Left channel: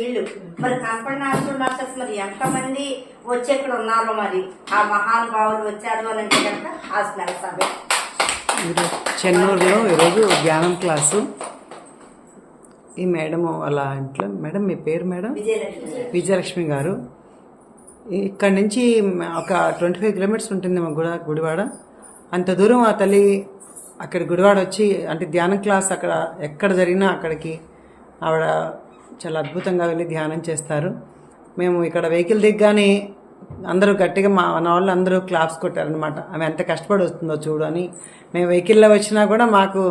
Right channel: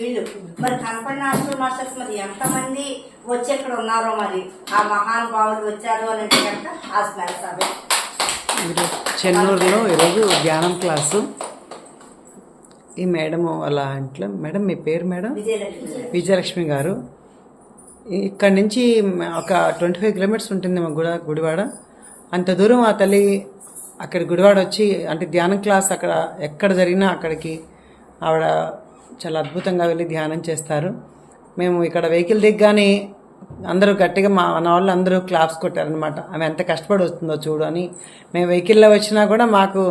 వీళ్ళు మరి కనపడి నాస్టల్ మాస్టర్స్ మరి ఎంతమంది వచ్చి ఇక్కడ ఉన్నారో మరి ఆ మహానుభావులు వచ్చారు అని అంటే కనుక ఆ స్మెల్ సభ. చెన్నూరులో ఈరోజు ధ్యానం క్లాసు. ఈ మేడం వాళ్ళ ఇంట్లో, మేడం మీ పేరు మేడం? విజయలక్ష్మి గారు. ఇక్కడ నుంచి ఒక 25 కిలోమీటర్స్ ఉంటుంది మా గుడివాడ. అంత దూరం ఆ తల్లి అక్కడ గుడివాడ వచ్చి అంటే ధ్యానం క్లాస్ అక్కడ ఎక్కడ జరిగినా అక్కడికి ఆవిడ చాలా అద్భుతంగా వెళ్ళి ధ్యానం చేస్తారు. మేము ఇక్కడ వెహికల్ దిగ్గానే అందరూ గట్టిగా మన వాళ్ళు అందరూ క్లాప్స్ కొట్టారనమాట. ఆమె ఎంత కష్టపడి వస్తుందో చూడు అని. మేము వెహికల్లో వచ్చినా కూడా మాకు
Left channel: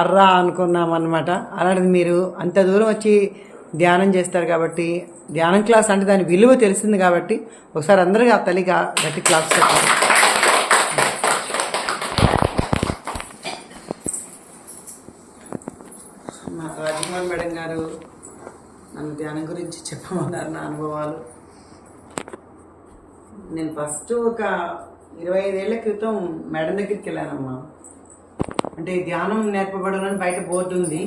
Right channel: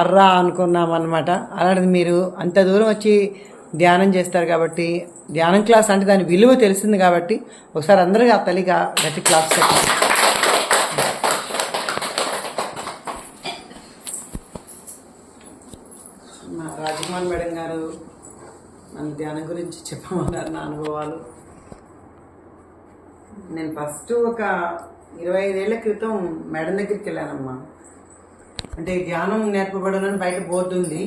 అర్రా అనుకున్నాం అనమాట. అలాంటిది మీరు అంత దూరం వచ్చి ధ్యానం చేస్తారు కాబట్టి, ధ్యానం క్లాస్ అంటే దాని విలువ తెలిసింది కాబట్టి ఒకసారి అందరికీ ఆ తల్లిగా గట్టి క్లాప్స్ కట్టారు. మా రాజకుమార్ మేడం గారు నన్ను ధ్యానం గురించి చెప్పమన్నారు నా అనుభవాలు. నేను ఫస్ట్ ఒక 25 ఏళ్ల క్రితం మేడం దగ్గరికి వెళ్ళానమ్మా. అంటే ధ్యానం నేర్పబడునని బయట బోర్డు ఉంది.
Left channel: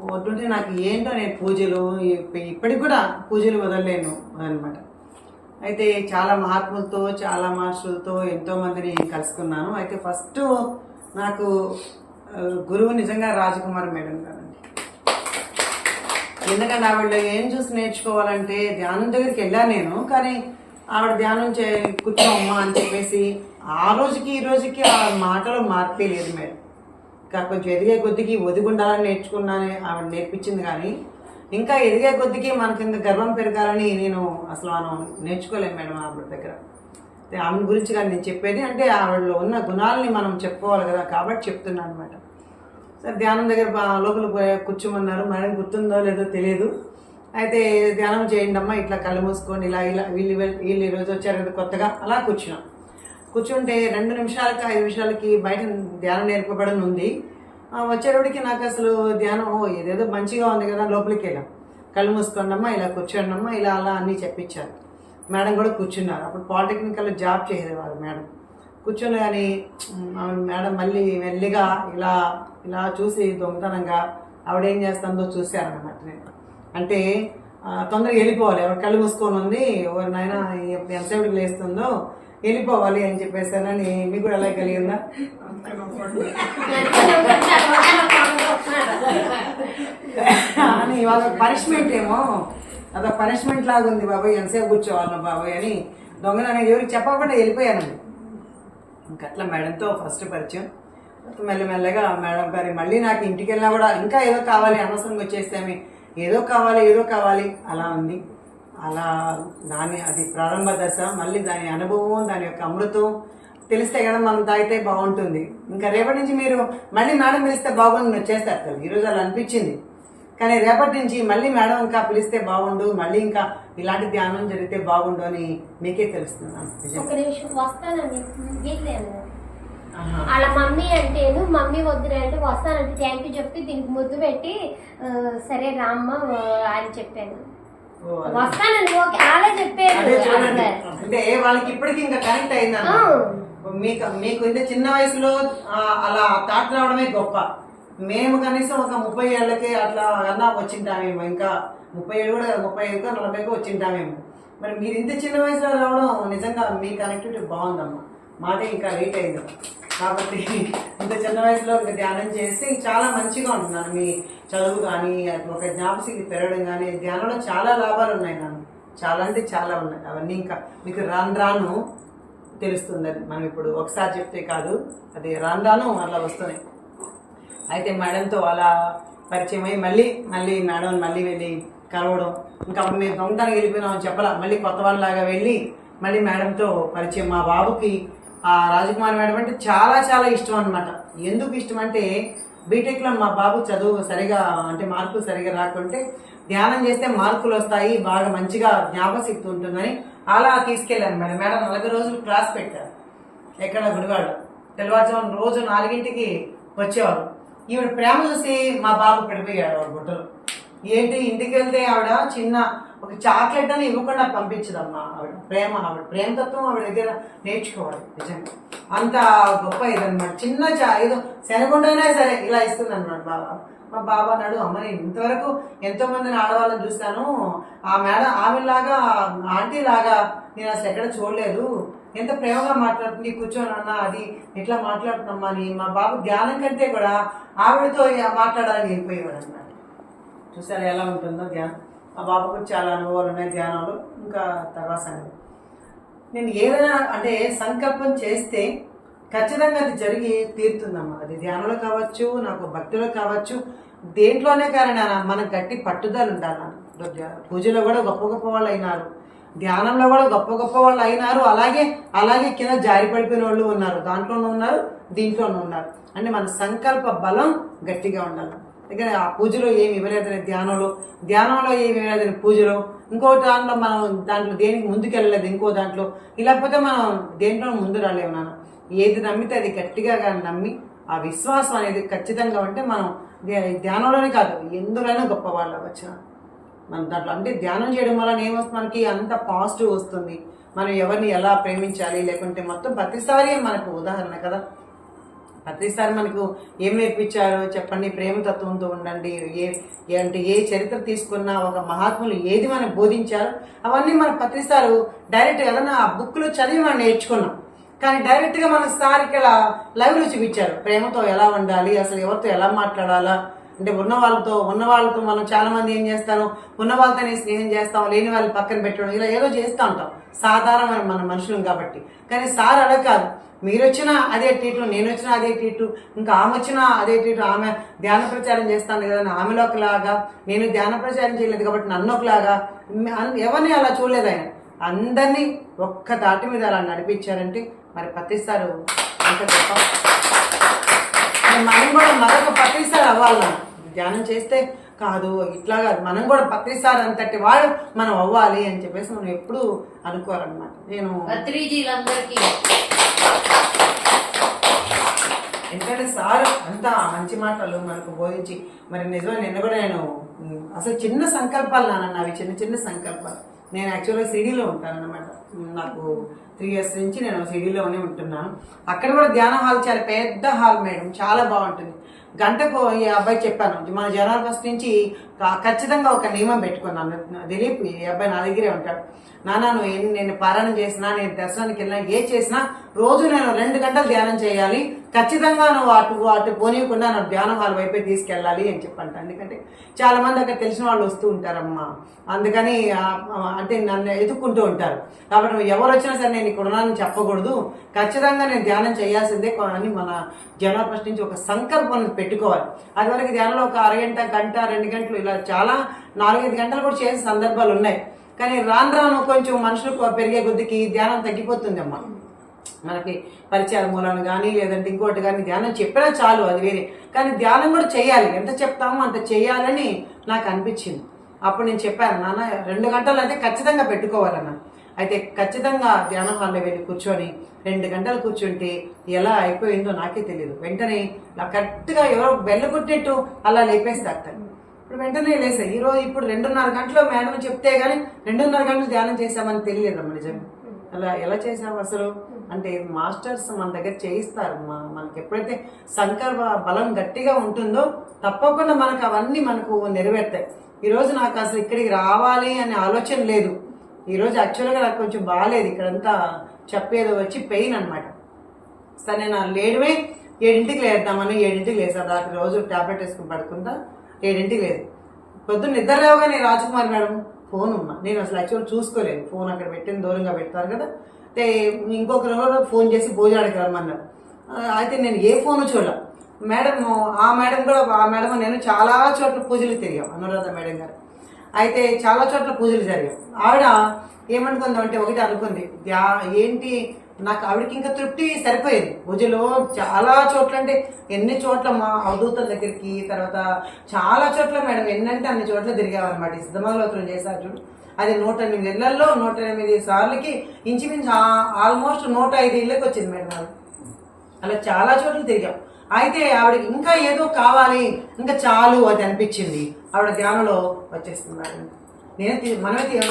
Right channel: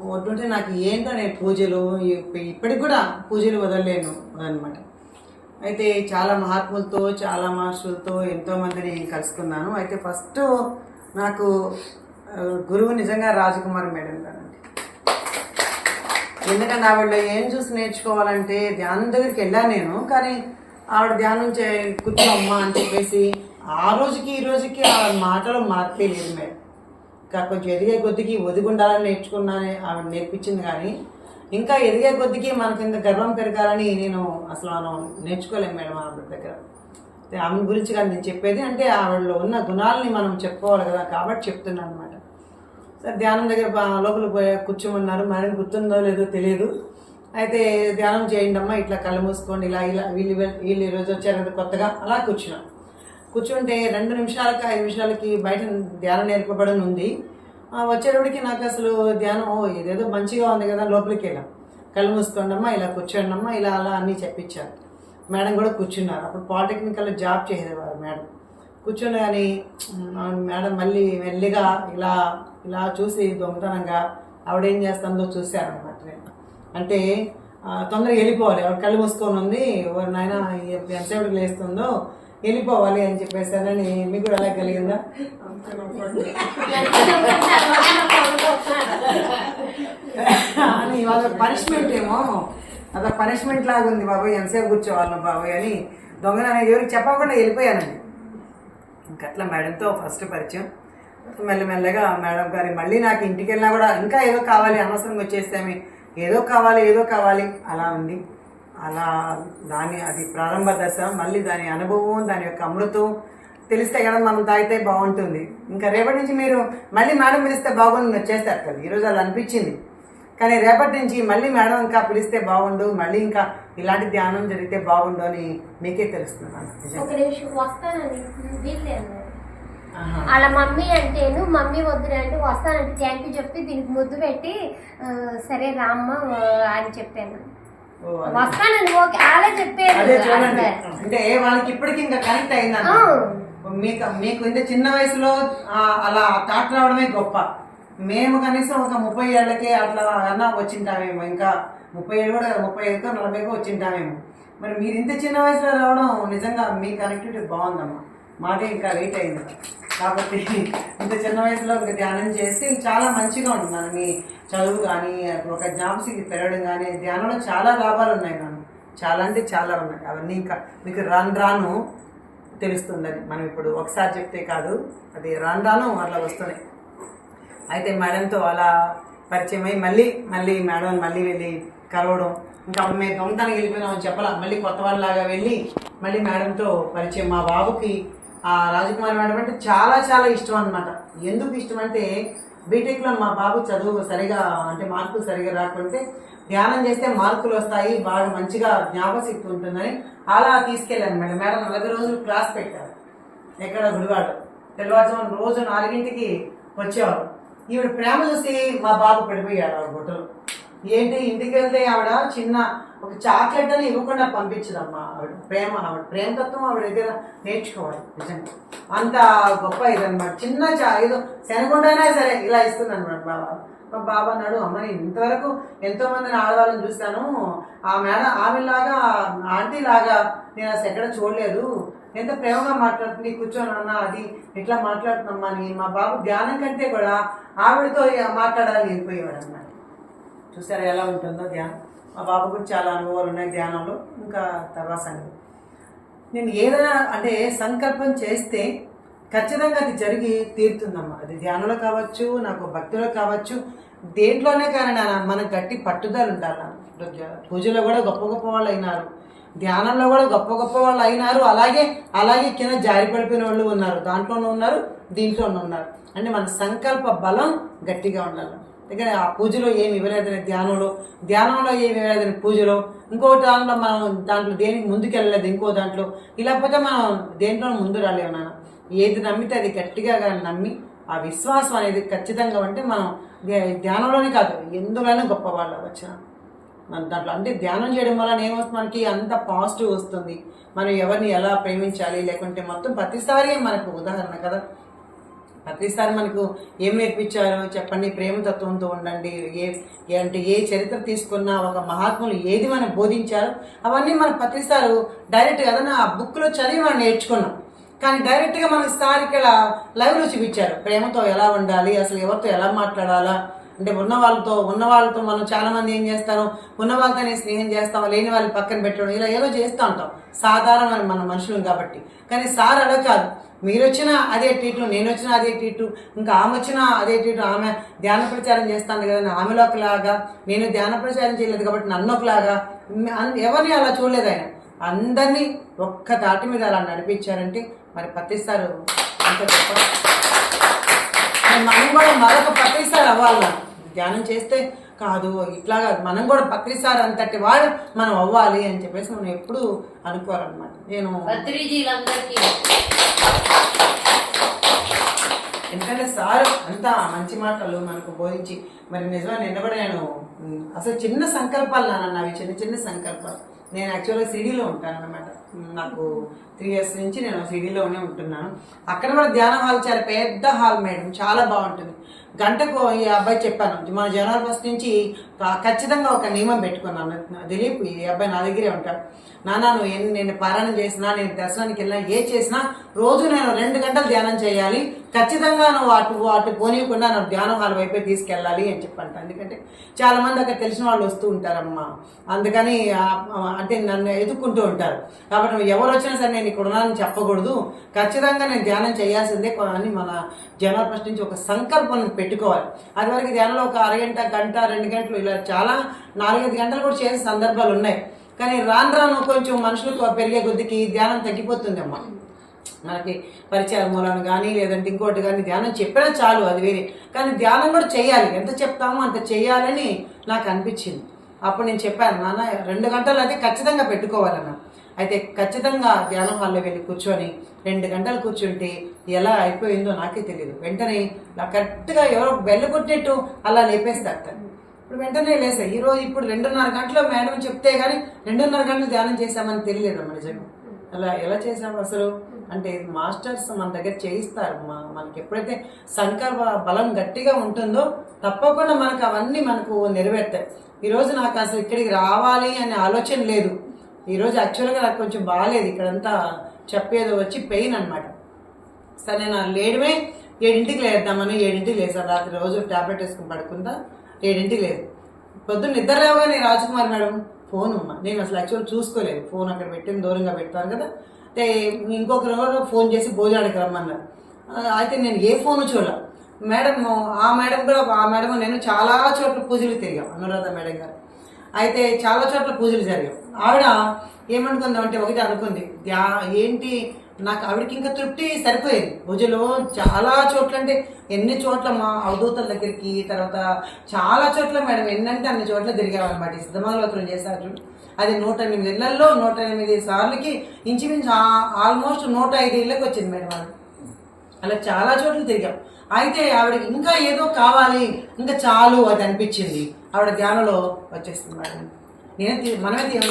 బోర్డు ఉంటే నాకు ఏంటో నేను పూజలు ఇప్పటికి కూడా పూజలు వదలలేను అనమాట. అయితే చాలా మహాత్ములతో చాలా మాస్టర్లతో ఎంతోమందిని కలుసుకున్నాను. అయితే ఫస్ట్ నాకు గురువు నిజంగా రాజకుమార్ మేడం గారండి. ఎందుకంటే ఆవిడ ఏం చూసి నేర్చుకోవాలంటే ధ్యానం దగ్గరికి వెళ్ళాను నేను. కానీ ఆవిడ ధ్యానం కూర్చోమ్మా అని చెప్పేసి ఆ రోజుకి ఈ రోజుకి ఆ మాటలో మార్పే లేదు మేడం. ఇంకా కొంచెం ఎదిగే కొద్దికి ఒదిగుండాలని నేర్చుకున్నానే ఆవిడ నేర్పించింది. కానీ ఇంకా ఎదిగే కొద్దికి మనకి ఇంత గర్వం పెరగాలని నేను అసలు మనం నేర్చుకోలేము మేడం ఆవిడ దగ్గర. ఆమె గురించి కానీ నేను చెప్పేది అంటే ఆవిడలో ఉన్న గుణాలని మనం చెప్పుకోవాలి కదా, కాబట్టి చెప్తున్నాను అనమాట. సరే ధ్యానం దగ్గర లోపల కూర్చోమన్నారు. మేడం గుర్తుందో లేదో తెలియదు. అయితే ధ్యానం చేయండి అమ్మా, ఇట్లా కళ్ళు మూసుకోండి, ఇలా ఇలా వీళ్ళు ఈరోజు వచ్చారు కదా కొత్తగా, అలా కూర్చున్నాం. కూర్చుంటే 2 నిమిషాలకి 5 నిమిషాలకి బయట ధ్యానం నేర్పబడని ఉంది. వచ్చేటప్పటికి నాకు అసలు ధ్యానం ఏదేదో మంచిగా ఉంది కదా, లోపలికి వెళ్ళాం. కళ్ళు మూసుకోండి అమ్మా, ఇలా కూర్చోండి అమ్మా, ఇలా అలా అన్నీ చెప్పించారు. మేడం కూడా కూర్చున్నారు. అప్పుడు పాలిటెక్నికల్లో జాబ్ చేసేవారు మేడం. కూర్చొని కానీ మేడం మళ్ళీ మెల్లిగా ఇలా ఇలా చూసి దొంగతనంగా ఆవిడేం చేస్తుందో చూశారనమాట. నేను అంటే తొందరగా వెళ్ళిపోవాలి, ఆవిడ కళ్ళు మూసుకొని ఉంది, ఎవరి నాయన ఎంతసేపటికి లేస్తుందో వెళ్ళిపోవాలి అని చెప్పేసానని. మీకు కూడా అలా కలిగిందా? అని వాళ్ళ పనిష్మెంట్ ఏమో, అదొక పనిష్మెంట్ లాగా ఉంది బాబాయ్, ఎంతసేపు కూర్చోవాలి బాబాయ్ అని దొంగన ఎవరికి చెప్పకుండా వెళ్ళిపోయానండి. ఇంకట్లా మేడంతో ఫస్ట్ పరిచయం. మెల్లమెల్లగా మేడం గారి మళ్ళీ నాకు ఇంటికి వెళ్ళినా కూడా ఇంకా ఏదో కావాలి, అనవసరంగా వచ్చేస్తామే, ఏదో కావాలి అలా ఉంది. అలా అది ప్రారంభ దశ. మళ్ళీ దాని అనుభవం, దాని యొక్క అమృతం తెలిస్తే కదా మనం తాగితే బాగుంటుంది. ఇంకా రేపటి నుంచి మీరు మళ్ళీ మేడం పిలిస్తే బాగుండు చేస్తారు కదా. ఈరోజు అలా అనిపించింది. కానీ రేపటి నుంచి మళ్ళీ మేడం ఇంకా పిలిస్తే బాగుండు, మళ్ళీ ఇంకా ఇలాంటి ధ్యానం జరిగితే బాగుండు అని మీకే తెలుస్తున్నాను. అలా మమ్మీ అంటేను మమ్మీ వద్దునంటే వస్తానంటే థ్యాంక్ యూ చెప్పి దీనికి ముద్దు పెట్టి సరే రామ్మ అని చెప్పాను. వస్తానండి ఓకే అలా చెప్పాను. అంటే వాళ్ళకి ఇప్పటికి ఇంకా కనెక్ట్ అయిందా? మీకు ఇంత చిన్న వయసులో అలా థాట్ రావడమే గొప్ప. మేము కనీసం ఒక 30 ఏళ్ళకి అట్లా అన్నా వచ్చింటామేమో, ఇంకా 30 ఏళ్ళు కూడా 35 40 వచ్చింటామేమో. మరి మీరు ఇంత చిన్న వయసులో రావడం నిజంగా మీ కనెక్టివిటీ బాగుందమ్మా. మాదే ఇంకా లేట్ అయింది కాబట్టి ఇంత చిన్న వయసులో ధ్యానం చేసి చాలా మంచిగా ఉంటున్నాను. మీ చదువు కానీ ఒక జ్ఞాపశక్తి పెరగడం కానీ ధ్యానంలో చాలా లాభాలు ఉన్నాయి. నాకు చాలా అంటే చాలా ఉన్నాయి. అవన్నీ ఇంకా మీకు రాను తెలుస్తుంది. అది మనం ఇప్పుడు ఒకసారి చెప్తే కాదు, అది రాను అట్లా వస్తున్నాయి. అయితే మేడంతో అలా పరిచయం అయ్యి మళ్ళీ మేడం మళ్ళీ వెళ్ళి కలవడం. ఇంకా అప్పుడు మేము దొంగతనం వెళ్ళిపోయినామని చెప్పాలా, మళ్ళీ కొత్త వాళ్ళలాగా వెళ్ళి మళ్ళీ మేడంతో పరిచయం. మా బాబుకి ఆ రాజకుమారి మేడం అంటే చాలా చాలా ఇష్టం అనమాట. ఎందుకు ఇష్టం అంటే బీటెక్లో మా బాబు చదువు సరిగా అంటే మార్కులు సరిగా రాకుంటే ధ్యానం చేస్తే మార్కులు వస్తాయి, బాగా మంచిగా జ్ఞాపశక్తి ఉంటుందని అలా తీసుకెళ్ళాను మేడం. 40 రోజులు క్లాస్ పెట్టారు ఎక్కడ గుడివాడ. తెల్లవారుజామున రోజు 4 గంటలకి వచ్చేవాడు. ఈవిడ ప్రేమ చూసి మా బాబు పడిపోయాడు ఆవిడ గుట్టలు. ఏంటి ఇంటికి వెళ్తే ఆవిడ చిన్న ఒక చాక్లెట్ అని ఇవ్వకుండా పంపించదమ్మా. ఆవిడ ప్రేమతత్వం ఆవిడ దగ్గర నేర్చుకోవాలి. నిజంగా అంత గొప్ప ఇదనమాట. చిన్న ఏదో శనగుండైనా సరే ఇలా ఇస్తుంది అనమాట మా బాబా అన్నాడు, అమ్మ నేను ఇంతవరకు ఎంతో మందిని ఆడవాళ్ళని చూస్తాను, ఆ మేడం ఆమెలాగా ఆంటీ లాగా నేను అసలు ఎక్కడ చూడలేదు, ఎంత ప్రేమగా మాట్లాడుతుంది, కూర్చొని అన్న అది ఎట్లా మాట్లాడుతున్నామ్మా అని మా బాబు ధ్యానం కంటే కూడా ఆవిడతో మాట్లాడాలని వెళ్ళిపోయేవాడు అన్నమాట. చూసారా ఎలా ఉంటుందో ధ్యానం. మా బాబు కూడా చాలా అనుభవాలు ఉన్నాయి ధ్యానంలో. ఇంకా తర్వాత సంగతి, నేను ఏదైనా అంటే సంకల్పం చేస్తే ఖచ్చితంగా అది జరిగి తీరుతుందమ్మా. అది ధ్యానంలో కావచ్చు, నాకు భక్తిలో కావచ్చు, దేంట్లోనే కానీ మనకు గట్టి పట్టుదల ఉండాలి. పూజలో కూడా గొప్ప గొప్ప వాళ్ళు అయినారు, ధ్యానంలో కూడా గొప్ప గొప్ప వాళ్ళు అయినారు, అలాగే కింద జారి పడిపోయిన వాళ్ళు ఉన్నారు, దాంట్లోనూ ఉన్నారు, దీంట్లోనూ ఉన్నారు. అంటే మన సంకల్ప బలం గట్టిగా ఉండాలి. దగ్గర ఆ పూజలో ఏమి ఇవ్వలేదని ధ్యానంలో ఏమి ఇవ్వలేదని పూజలో, ఇంకో దాంట్లో దేనికి ముందుకెళ్ళలేదు ఇంకో దాంట్లో, లేకపోతే మనం దేంట్లో ముందు రాలేము నాన్న. ఏది నమ్మితే అది గట్టిగా కానీ నమ్మి ఆ విశ్వాసం అనేది ఖచ్చితంగా ఉంటే మనం ధ్యానంలోనే కాదు ఎందులోనే గొప్ప వాళ్ళు అవ్వచ్చు మన దాంట్లో. అంటే ధ్యానం చేయడం వల్ల ఏమొస్తుంది, మనకి అంత పాజిటివ్ వస్తుంది. మనం ఎవరిని ఎలా ప్రేమించాలి, లేకుంటే మొత్తం ప్రతిసారి మనకు ఉదాహరణ కదా, ప్రతిసారి మనకు ఏం నేర్పించారో చెప్పండి, ప్రేమతత్వంతో ఉండండి. అంటే ఏ చరిత్ర తీసుకున్నా ఒక మహాత్ములు ఏది మనకు బోధించారో అవన్నీ మనం ప్రతిసారి డైరెక్ట్గా ఏదన్నా ఆ బుక్లో చదివి మనం నేర్చుకున్నాం. కానీ డైరెక్ట్గా మనకు సార్ ఇక్కడ లైవ్లో చూపించారు ప్రేమతో ఎలా ఉండాలి, అసలు ఎవరితో ఎలా మాట్లాడాలా. అంటే ఉన్న వాళ్ళతో మనం చాలా మంది ఏం చేస్తారు, ఉన్న వాళ్ళతోనే స్నేహం చేస్తాం, లేని వాళ్ళు పక్కన పెట్టడం, ఇలా ఏదో చేస్తూ ఉంటాం సాధారణమైన మన మనుషులం కాబట్టి. కానీ సార్ అలా కాదు, మీరు వచ్చినా అదే టీటు, నేను వచ్చినా అదే టీటు, ఇంకా ఆమె వచ్చినా అదే టీటు. ఆమె ధ్యాన ప్రచారం చేస్తాను కదా, ఆమెలో ఒకలాగా, నేను ధ్యాన ప్రచారం చేయలేదు కాబట్టి నన్ను ఒకలాగా, ఎవరిని అలా చూడలేదు ఆయన. అందరినీ ఒక్క తాటి మీద అలా నడిపించారంటే మరి ప్రతిసారి అంత గొప్ప. మనం కూడా మరొక ప్రతిసారి అవ్వాలి, ధ్యానం చేస్తే కాదు ఇట్లా కాదు, మనం కూడా ప్రతిసారి అంతటి వాడు మనం అవ్వాలి అని చెప్పేసి మనం ఎప్పుడు అనుకోవాలన్నమాట. నేను ఎందుకంటే సార్ అంతా మంచి మాటలు మనకు బోధించి మరి నిజమే. నిన్న కూడా నేను అసలు చిన్న సంకల్పాలు నాన్న, అవి చిన్న సంకల్పాలు. నేను యాక్చువల్గా సిడీలో ఉంటాను అన్నమాట. నాకు 3 years నుంచి నేను సిడీలోనే ఉంటున్నాను. అక్కడ కూడా ధ్యానం హాల్ చాలా పెద్ద హాల్ మేడం, చాలా బాగుంటుంది. గంటకు ఈ అబ్బాయి చెప్పాను, మన జనవరి 1st నుంచి ఖచ్చితంగా ఒక నియమం పెట్టుకున్నాను. దిలీప్ ఈ అబ్బాయి నా దగ్గరే ఉంటాడు, నాన్న నువ్వు నేను పారాయణం చేసినా, నేను దర్శనానికి వెళ్ళినా, ఏ చేసినా రోజు నేను 2 గంటలు ధ్యానం చేయాలి, ఖచ్చితంగా నువ్వు అటు పోనీయకుండా నన్ను ధ్యానం హాల్ వైపే తీసుకెళ్ళాలి అని చెప్పంట. ఎందుకంటే చాలా మంది అక్కడ తెలిసిన వాళ్ళు వస్తూ ఉంటారమ్మా, అందుకని అంటే నన్ను ఎదుక్కుంటూ ఉంటారు. కాబట్టి నువ్వు ఎవరు వచ్చినా సరే నేను ఇక్కడ ఉన్నానని చెప్పకూడదు, ఖచ్చితంగా నేను ధ్యానం చేయాల్సిందే అని మన జనవరి 1st నుంచి ఒక సంకల్పం పెట్టుకోవాలి. అది వరకు ధ్యానంలో ఒక అరగంట, గంట, 2 గంటలు ఇలా చాలా 4-5 గంటలు కూడా చేసే సందర్భాలు ఉన్నాయి. కానీ రాను కొంచెం మనుషులకు పెరిగే కొద్దికి ధ్యానం తగ్గిపోతుంది అమ్మా. మనకి పరిచయాల మూలాన్ని కానీ లేదంటే ఇంకోటి కానీ ధ్యానం చెప్పినా చాలు, అది వేరే. కానీ ధ్యానం కూడా చేయాలి, ఎంత చెప్తామో అంత చేయాలని నాకు అనిపించింది. అప్పుడు నేను చెప్పాను, నాన్న 2 గంటలు అయితే ఖచ్చితంగా పెట్టుకోవాలన్నా. అయితే ఖచ్చితంగా ధ్యానం హాల్లో వెళ్ళి కూర్చొని 2 గంటలు కూర్చుంటే ఎలా అయిపోయిందో నాకే తెలియదు. వెంటనే నాకు కరెక్ట్గా ఎవరో బెల్ల కొట్టినట్టు అలా లేపేస్తారు. ఇప్పుడు వెంటనే లేసా. ఇప్పుడు 2:30 గంటలు మేడం చెప్తే కానీ 2:30 గంటలు ధ్యానం చేశామని తెలియలేదమ్మా. నిజంగా అలా ఎలా చేసాము అసలు అంటే మాస్టర్స్ మన దగ్గర చేయిస్తారు. మనకి ఎప్పుడైతే సంకల్ప బలం గట్టిగా ఉంటుందో తప్పకుండా మనకు అవన్నీ మనకు నెరవేరుతాయి. ఈరోజు నాకు అసలు ఇక్కడికి రావాలి అనే ఆలోచన లేదు. ఈరోజు యాక్చువల్గా నాకు కొంచెం బాగాలేదు, ఇక్కడంతా చెప్పేదో వచ్చి పెయిన్ అనమాట. సరే నేను లేడమే 7ంటికి లేద్దామని 7ంటికి లేసాను. రాత్రి రోజు టాబ్లెట్ వేసుకుని పడుకుంటా 7ంటికి లేదు. పొద్దున్న నిద్ర లేవగానే రాజకుమారి మేడం ఫోన్ ఉన్నా, నేను అసలు యాక్చువల్ చూసుకోలేదు. ఫోన్ అక్కడ పెట్టిన దూరంగా పెడతారు కదా, అంటే ఇంకొకరు ఫోన్ చేసి భోజనానికి రమ్మన్నారు. అయితే నేను ఏ ఫోను చూడలే. ఆ మేడం నేను చాలా చోట్ల పూజలు తిరిగాం, అనురాధ మేడం గారు. అయితే చాలా చోట్ల పూజలు జరిగాం. ఆవిడ ఏమనుకుందామంటే ఒకటి అనుకుంది, ఏంటి నాకు ఆవిడకి ఇంకా తృప్తి సరిపోయేది. పూజలో చాలా చోట్ల, అంటే ఎన్ని చోట్ల మా అవధూతల దగ్గరికి, తర్వాత చాలా చోట్ల మేడం ఎన్నంటే అన్ని చోట్ల తిరిగామన్నమాట. ఈ సిద్ధమంగళోత్సవం చేశారు చూడు, అది 108 ఇళ్లలో 108 సార్లకి ఇంచుమించు ఆల్మోస్ట్ 105 ఇళ్ళకి వచ్చింది మేడం. అది అలా చాలా చోట్ల తిరిగాం. అయితే ఆవిడకి ఇంకా ఏదో కావాలి, ఇంకా చాలు అది అనిపించింది. ఆవిడ ధ్యానంలో వచ్చేస్తుంది మేడం. మనమే ఎలా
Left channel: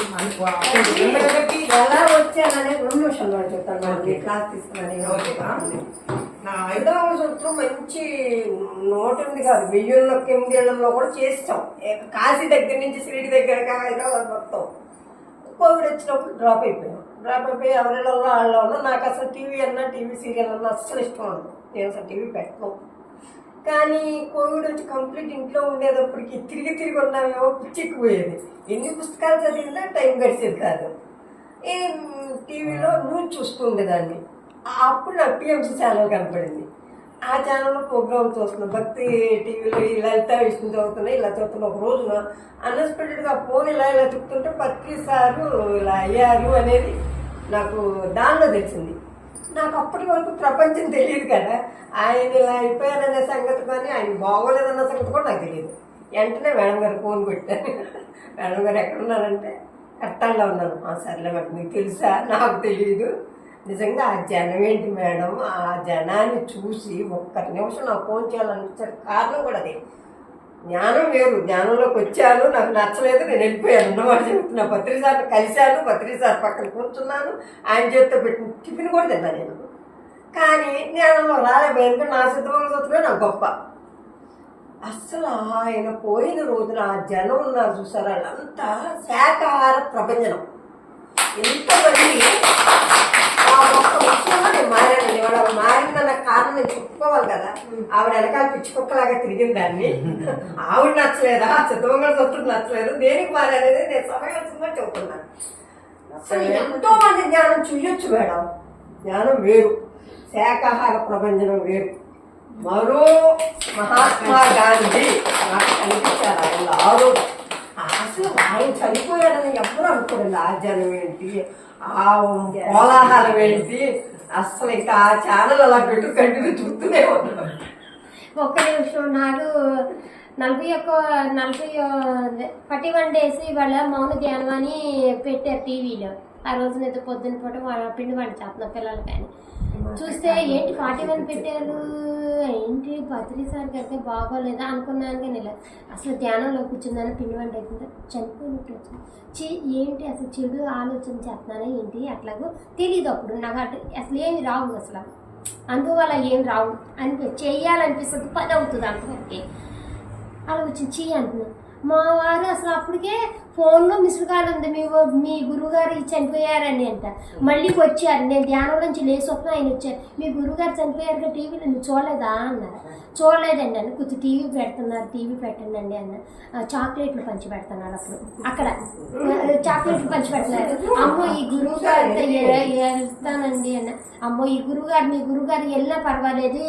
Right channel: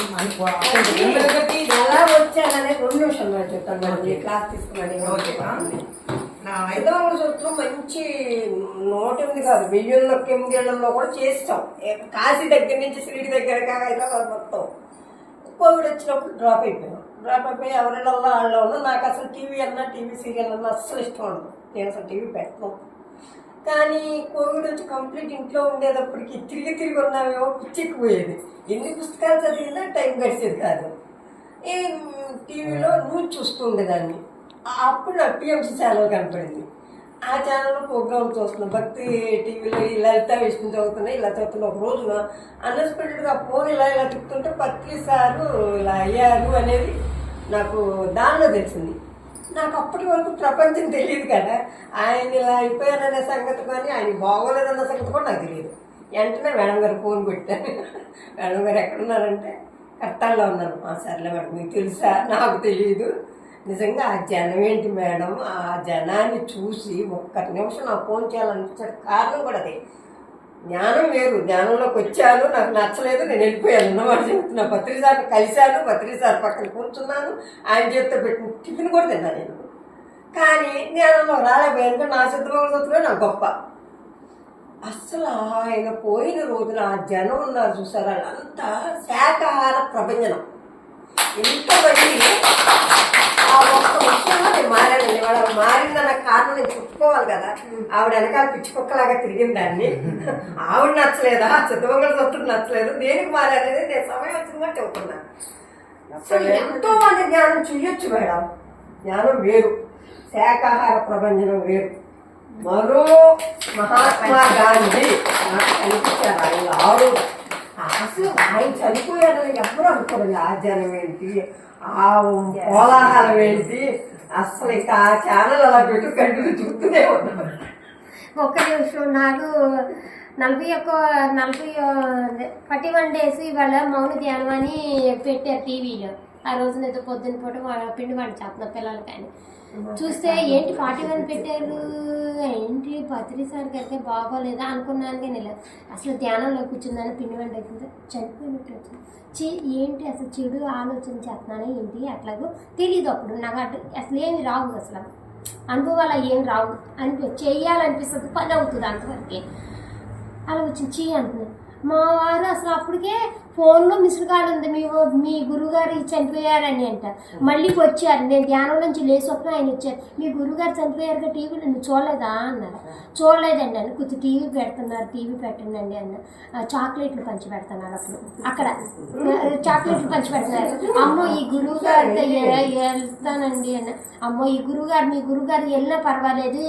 వచ్చాననే 2 నిమిషాలు చెప్తాను. ఐదవ సూత్రం మంచి 108 కాదు 1008 కూడా చేస్తాం. కాశీ దగ్గర నుంచి షిరిడి దగ్గర హైదరాబాద్ మొత్తం. కోవిడ్ వచ్చినప్పుడు డ్రాప్ అయిపోయి ఎవరిళ్ళల్లో వాళ్ళ ఉన్నా. నాకు అసలు టీవీ అన్నా టీవీ సీరియల్ అన్నా అస్సలు ఇష్టం ఉండదు. నేను అసలు టీవీ పెట్టను. కానీ కోవిడ్ వచ్చి కంప్లీట్ ఇంట్లో ఉండేటప్పటికి తిరిగి ఉన్నామేమో పిచ్చెక్కిపోయేది. ఎన్ని పుస్తకాలు చదివినా టైం గడిచేది కాదు. ఈ టీవీలో న్యూస్ చూస్తూ ఉండేదాన్ని. అప్పుడు నాకు టీఎంసీ ఛానల్ కనపడింది. ఆ ఛానల్లో ప్రోగ్రామ్ చూస్తున్నాను. భక్తి టీవీలో ఈ లలిత విష్ణు చదువుతున్నాయి. ఇలా చదువుతున్నా. ఒక రోజున అన్ఎక్స్పెక్టెడ్గా ఫోన్ ఇలా తిప్పుతుంటే పత్రి సారు ఇలా అయ్యారు అనేది నాకు దానిలో తెలిసింది. నాకు అప్పటి వరకు ప్రపంచం తెలియదు కదా. ఆయన ఇలా అయిపోయారనే సంగతి కానీ ఆయన బాగోలేదన్న సంగతి కూడా నాకు తెలియదు. వెంటనే మేడం గారు ఫోన్ పెట్టాను. మేడం గారు ఎక్కడున్నారంటే కట్టాల్లో ఉన్నాను. సర్లే మేడం మీకు తెలుసా? నాకు తెలియదు. నిజంగా ఆ జనం ఏంటి మేడం, ఆ జనాన్ని చూసి ఒక్క నిమిషం నాకు ఫోన్ చేయాలనిపించే కారణం కూడా అదే. జ్ఞానం వేరు. జ్ఞానంలోకి వచ్చాను, నాకు నచ్చలేదు, నేను వెళ్ళిపోయాను అన్నమాట చెబుతున్నా. పత్రిసార్ని కలిశాను, పత్రిసారి పక్కన కూర్చున్నాను, ఆయన చేతితో పెట్టిన టిఫిన్ కూడా తిన్నాను నేను. కానీ జ్ఞానంలో రాలేకపోయాను. నా సిద్ధమంగా నాకు గొప్ప. అస్సలు ఆయన పోయిన రోజున ఆ జనం ఉన్నారు చూసారా, అంతా శాకాహార ప్రభంజనం. ఎంతమంది ఆ ఒక్క విషయంలో నేను మారాను. ఆవిడ మారిందన్న కారణం నేను చెప్పుకోవాలి కదా. ఆవిడ వెనకాల పిచ్చి కుక్కలాగా తిరిగిన దాన్ని. ఆవిడ నచ్చలేదా, సిద్ధమంగా సొత్తుడు నచ్చలేదు, దేనికి మారనేది నేను సమయం వచ్చిందని చెప్తున్నాను. అసలు ఎంతో మంది జ్ఞానం చూయొచ్చు మేడం. జ్ఞానం వేరు, శాకాహార ప్రభంజనం వేరు. మరో మహాత్మా గాంధీ నాకు కనిపించారు. ఆయన ఆడు అసలు ఆయన చనిపోయాడని ఎప్పుడు అనుకోండి. ఆ జనం ఏంటి, ఆ కోలాహలం ఏంటి, అసలు ఇంకా ఆ ఛానల్ అలా పెట్టు కంటిన్యూ చూస్తూనే ఉన్నాను. ఒక్క నిమిషం. నాకు 41 days ఇవాళ మౌన ధ్యానం అని పెట్టారు టీవీలో. ఆ రోజున ఏదో పొద్దున్న పూట పిండి వంట చేస్తున్నా పిల్లలు. కానీ చూస్తే ఏంటి 41 పెట్టారు, ఏంటి పత్రిసారికి అయితే బాగోలేదా అనుకున్నాను. కానీ ఇలా అసలు ధ్యానంలో కూర్చుందని పిండి వంట అవుతుందో చనిపోయినట్టు వచ్చింది. ఏంటి అసలు చెడు ఆలోచన చేస్తున్నానే ఏంటి అట్లాగో తెలియదు. అప్పుడు నాకు అసలు ఏమి రావు, అసలు అందువల్ల ఏం రావు అని చెయ్యాలనిపిస్తుంది. పని అవుతుంది అంతవరకే. అలా వచ్చింది అంటున్నాను. మా వారు అసలు అప్పటికే ఫోన్లో మిస్డ్ కాల్ ఉంది, మీ గురువుగారు చనిపోయారని అంట. మళ్ళీ వచ్చారు. నేను ధ్యానం నుంచి లేచి వస్తున్నా, ఆయన వచ్చారు. మీ గురువుగారు చనిపోయారుగా టీవీలో, నువ్వు చూడలేదా అన్నారు. చూడలేదండి అని. కొంచెం టీవీ పెడుతున్నారు, టీవీ పెట్టండి అండి అన్న. చాక్లెట్లు పంచి పెడుతున్నారు. అప్పుడు అక్కడ చాక్లెట్లు పంచి పెడుతున్నారు. అమ్మో ఈ గురువు గారితో వెళ్తానండి అన్న. అమ్మో ఈ గురువుగారు, మీ గురువుగారు వెళ్ళినా పర్వాలేదు,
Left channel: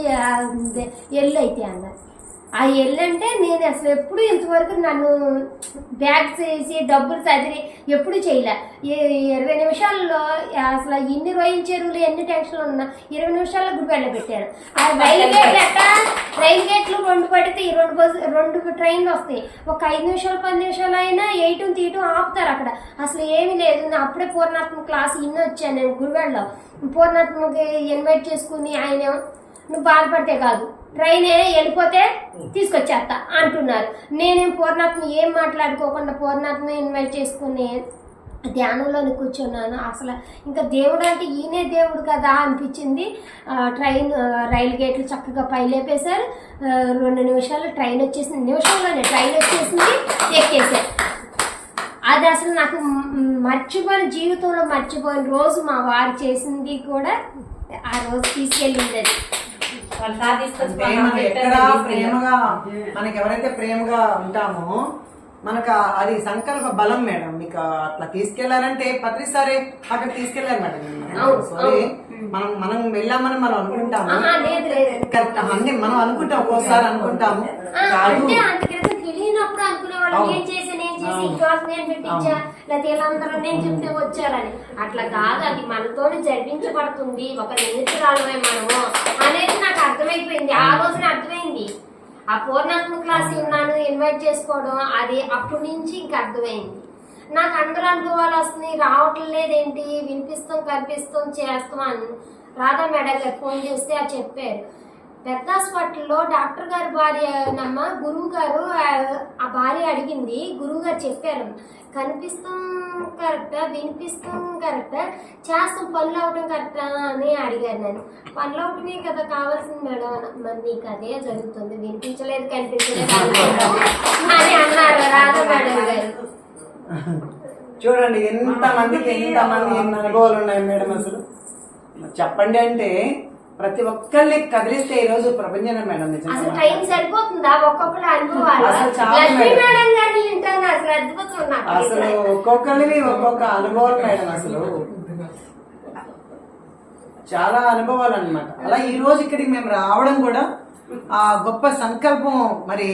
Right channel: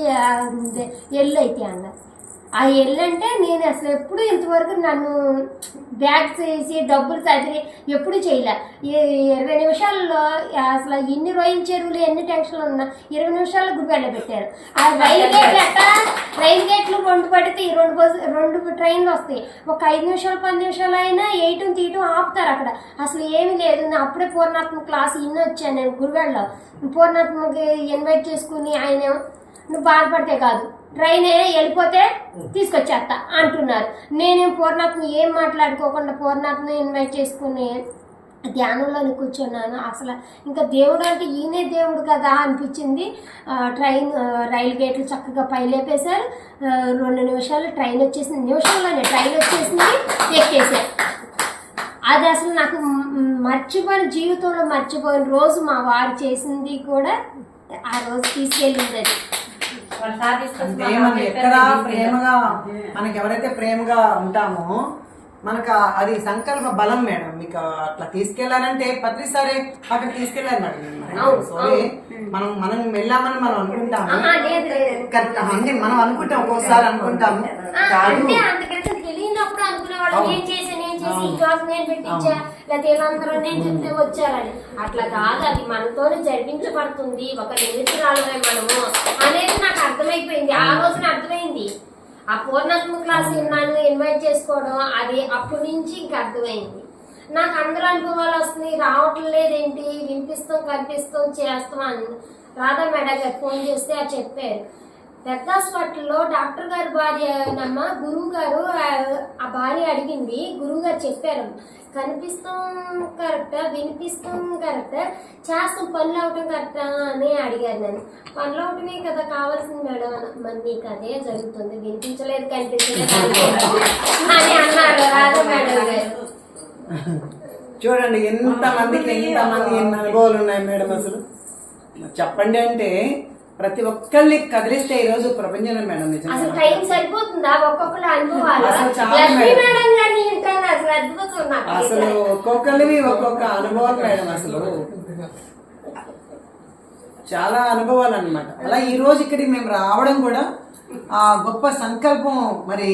ఎల్లు అయితే అన్నారు. ఆ ఎల్లంటే నేను అసలు ఎప్పుడు ఇంతవరకు నన్ను బ్యాగ్స్ వేసి డబ్బులు చదివి ఎప్పుడు చేయలే. 20 నిమిషాల్లో అసలు ఎన్ని రొయ్యల చెరువులు ఎన్ని టెన్షన్లు ఉన్నా 20 నిమిషాల్లో గుడి వెళ్ళబెట్టారు. ఆ రైలు గేట్లు 2 పడితే 2 ట్రైన్లు వస్తాయి. ఒక 5 నిమిషాలు 10 నిమిషాలు అయినా 8 తీయటం ఆపుతారు అక్కడ. అసలు ఏమీ లేదు. నేను అప్పుడే పూర్ణాత్మ క్లాస్ వచ్చాను నేను గుడివాడలో. పూర్ణాత్మకి ఇన్వైట్ చేసుకుని ఆయన నువ్వు బాధపడితే కాదు, ట్రైన్ వెళ్ళిపోతే తీసుకొచ్చేస్తా అంటున్నారు. నేనేం పూర్ణాత్మ ఏం మాట్లాడుకోకుండా పూర్ణాత్మ ఇన్వైట్ చేసుకుని ధ్యానంలోని కూర్చున్నాను. అసలు ఇంకా దేవుడు అంటే ఈయనే దేవుడు కదా అనిపించింది. రైలు గేట్లు చక్కగా పైలేపేశారు. 2 నిమిషాలు ట్రైన్ వచ్చేసింది. నిమిషంలోనే ట్రైన్ వచ్చేసింది, ఎక్కేసారు. అది అసలు నాకు జీవితంలో మర్చిపోయిన రోజు మా వారు చేసింది కూడా ఆ రోజు తీసుకెళ్ళింది. అది ఎక్కడ ప్రేమగా మనకి ఎవరైతే ప్రేమగా ఉంటామో మనకు అది సంకల్ప బలం మేడం. మీకు అట్లా తీసుకెళ్లారంటే ప్రతిసారి అక్కడ తీసుకెళ్లారు మేడం. సారీ మనం వెళ్ళామని మనం అనుకుంటాము, మనం అనుకుంటాం, ఒక్కోసారి అనుకుంటాము నేను చెప్తే వచ్చారని. అట్లా కాదు, అది మనతోనే జరిపించబడుతుంది. ఒక నిమిషాలమే మనము అనేది నాకు అర్థమైపోయింది. ఆ రోజున అర్థమైంది. ఆ పూర్ణాత్మ క్లాస్ ఉన్నాను ఇన్వైట్ చేసుకోవడం, అది అప్పటి నుంచి ఇంకా అర్థమైంది. నాకు అందరూ అనుభవాలు వస్తున్నాయి, రావటం లేదేంటి, వినిపిస్తాం కనిపిస్తాం చేస్తాం అని రాధా మేడం గారు ఫోన్ చేస్తే అది చెప్పారు. పెద్ద హాస్పిటల్లో డాక్టర్ గారి భార్య నమ్మ గురువు గారు ఆ భార్య అడిగింది. గురువు గారు చెప్పారు కనిపిస్తాం కరెక్టా, వినిపిస్తాం కరెక్టా, చేస్తాం పనులు అవటం కరెక్టా అని అడిగాను నేను. పనులు అవటమే కదా కావాల్సింది మేడం. మరి నీకు అదే జరుగుతుంది, వినిపించలేదు కనిపించలేదు అని అన్నారు రాధా మేడం గారు. చూడండి ఎంతమంది ఎన్ని అనుభవాలు ఉన్నాయి మేడం. అసలు చెప్పండి అంటే ప్రతి ఒక్కరిని కదిలిస్తే ఈ రోజు ప్రపంచం మేడం. అసలు టైం సరిపోతుందా ఒక్కొక్కరు అనుభవాలు? అసలు చాలా లక్ష్మీ మేడం. మేడం గారిని వింటాను అసలు అద్భుతం. అసలు ఒక్కొక్కరివి ఒక్కొక్క అనుభవాలు మేడం. అసలు చాలా అనుభవాలు అన్నమాట. అలా ఈ రోజు ఇక్కడికి మేము రావడం కూడా ఆ గొప్ప సంకల్పం మరి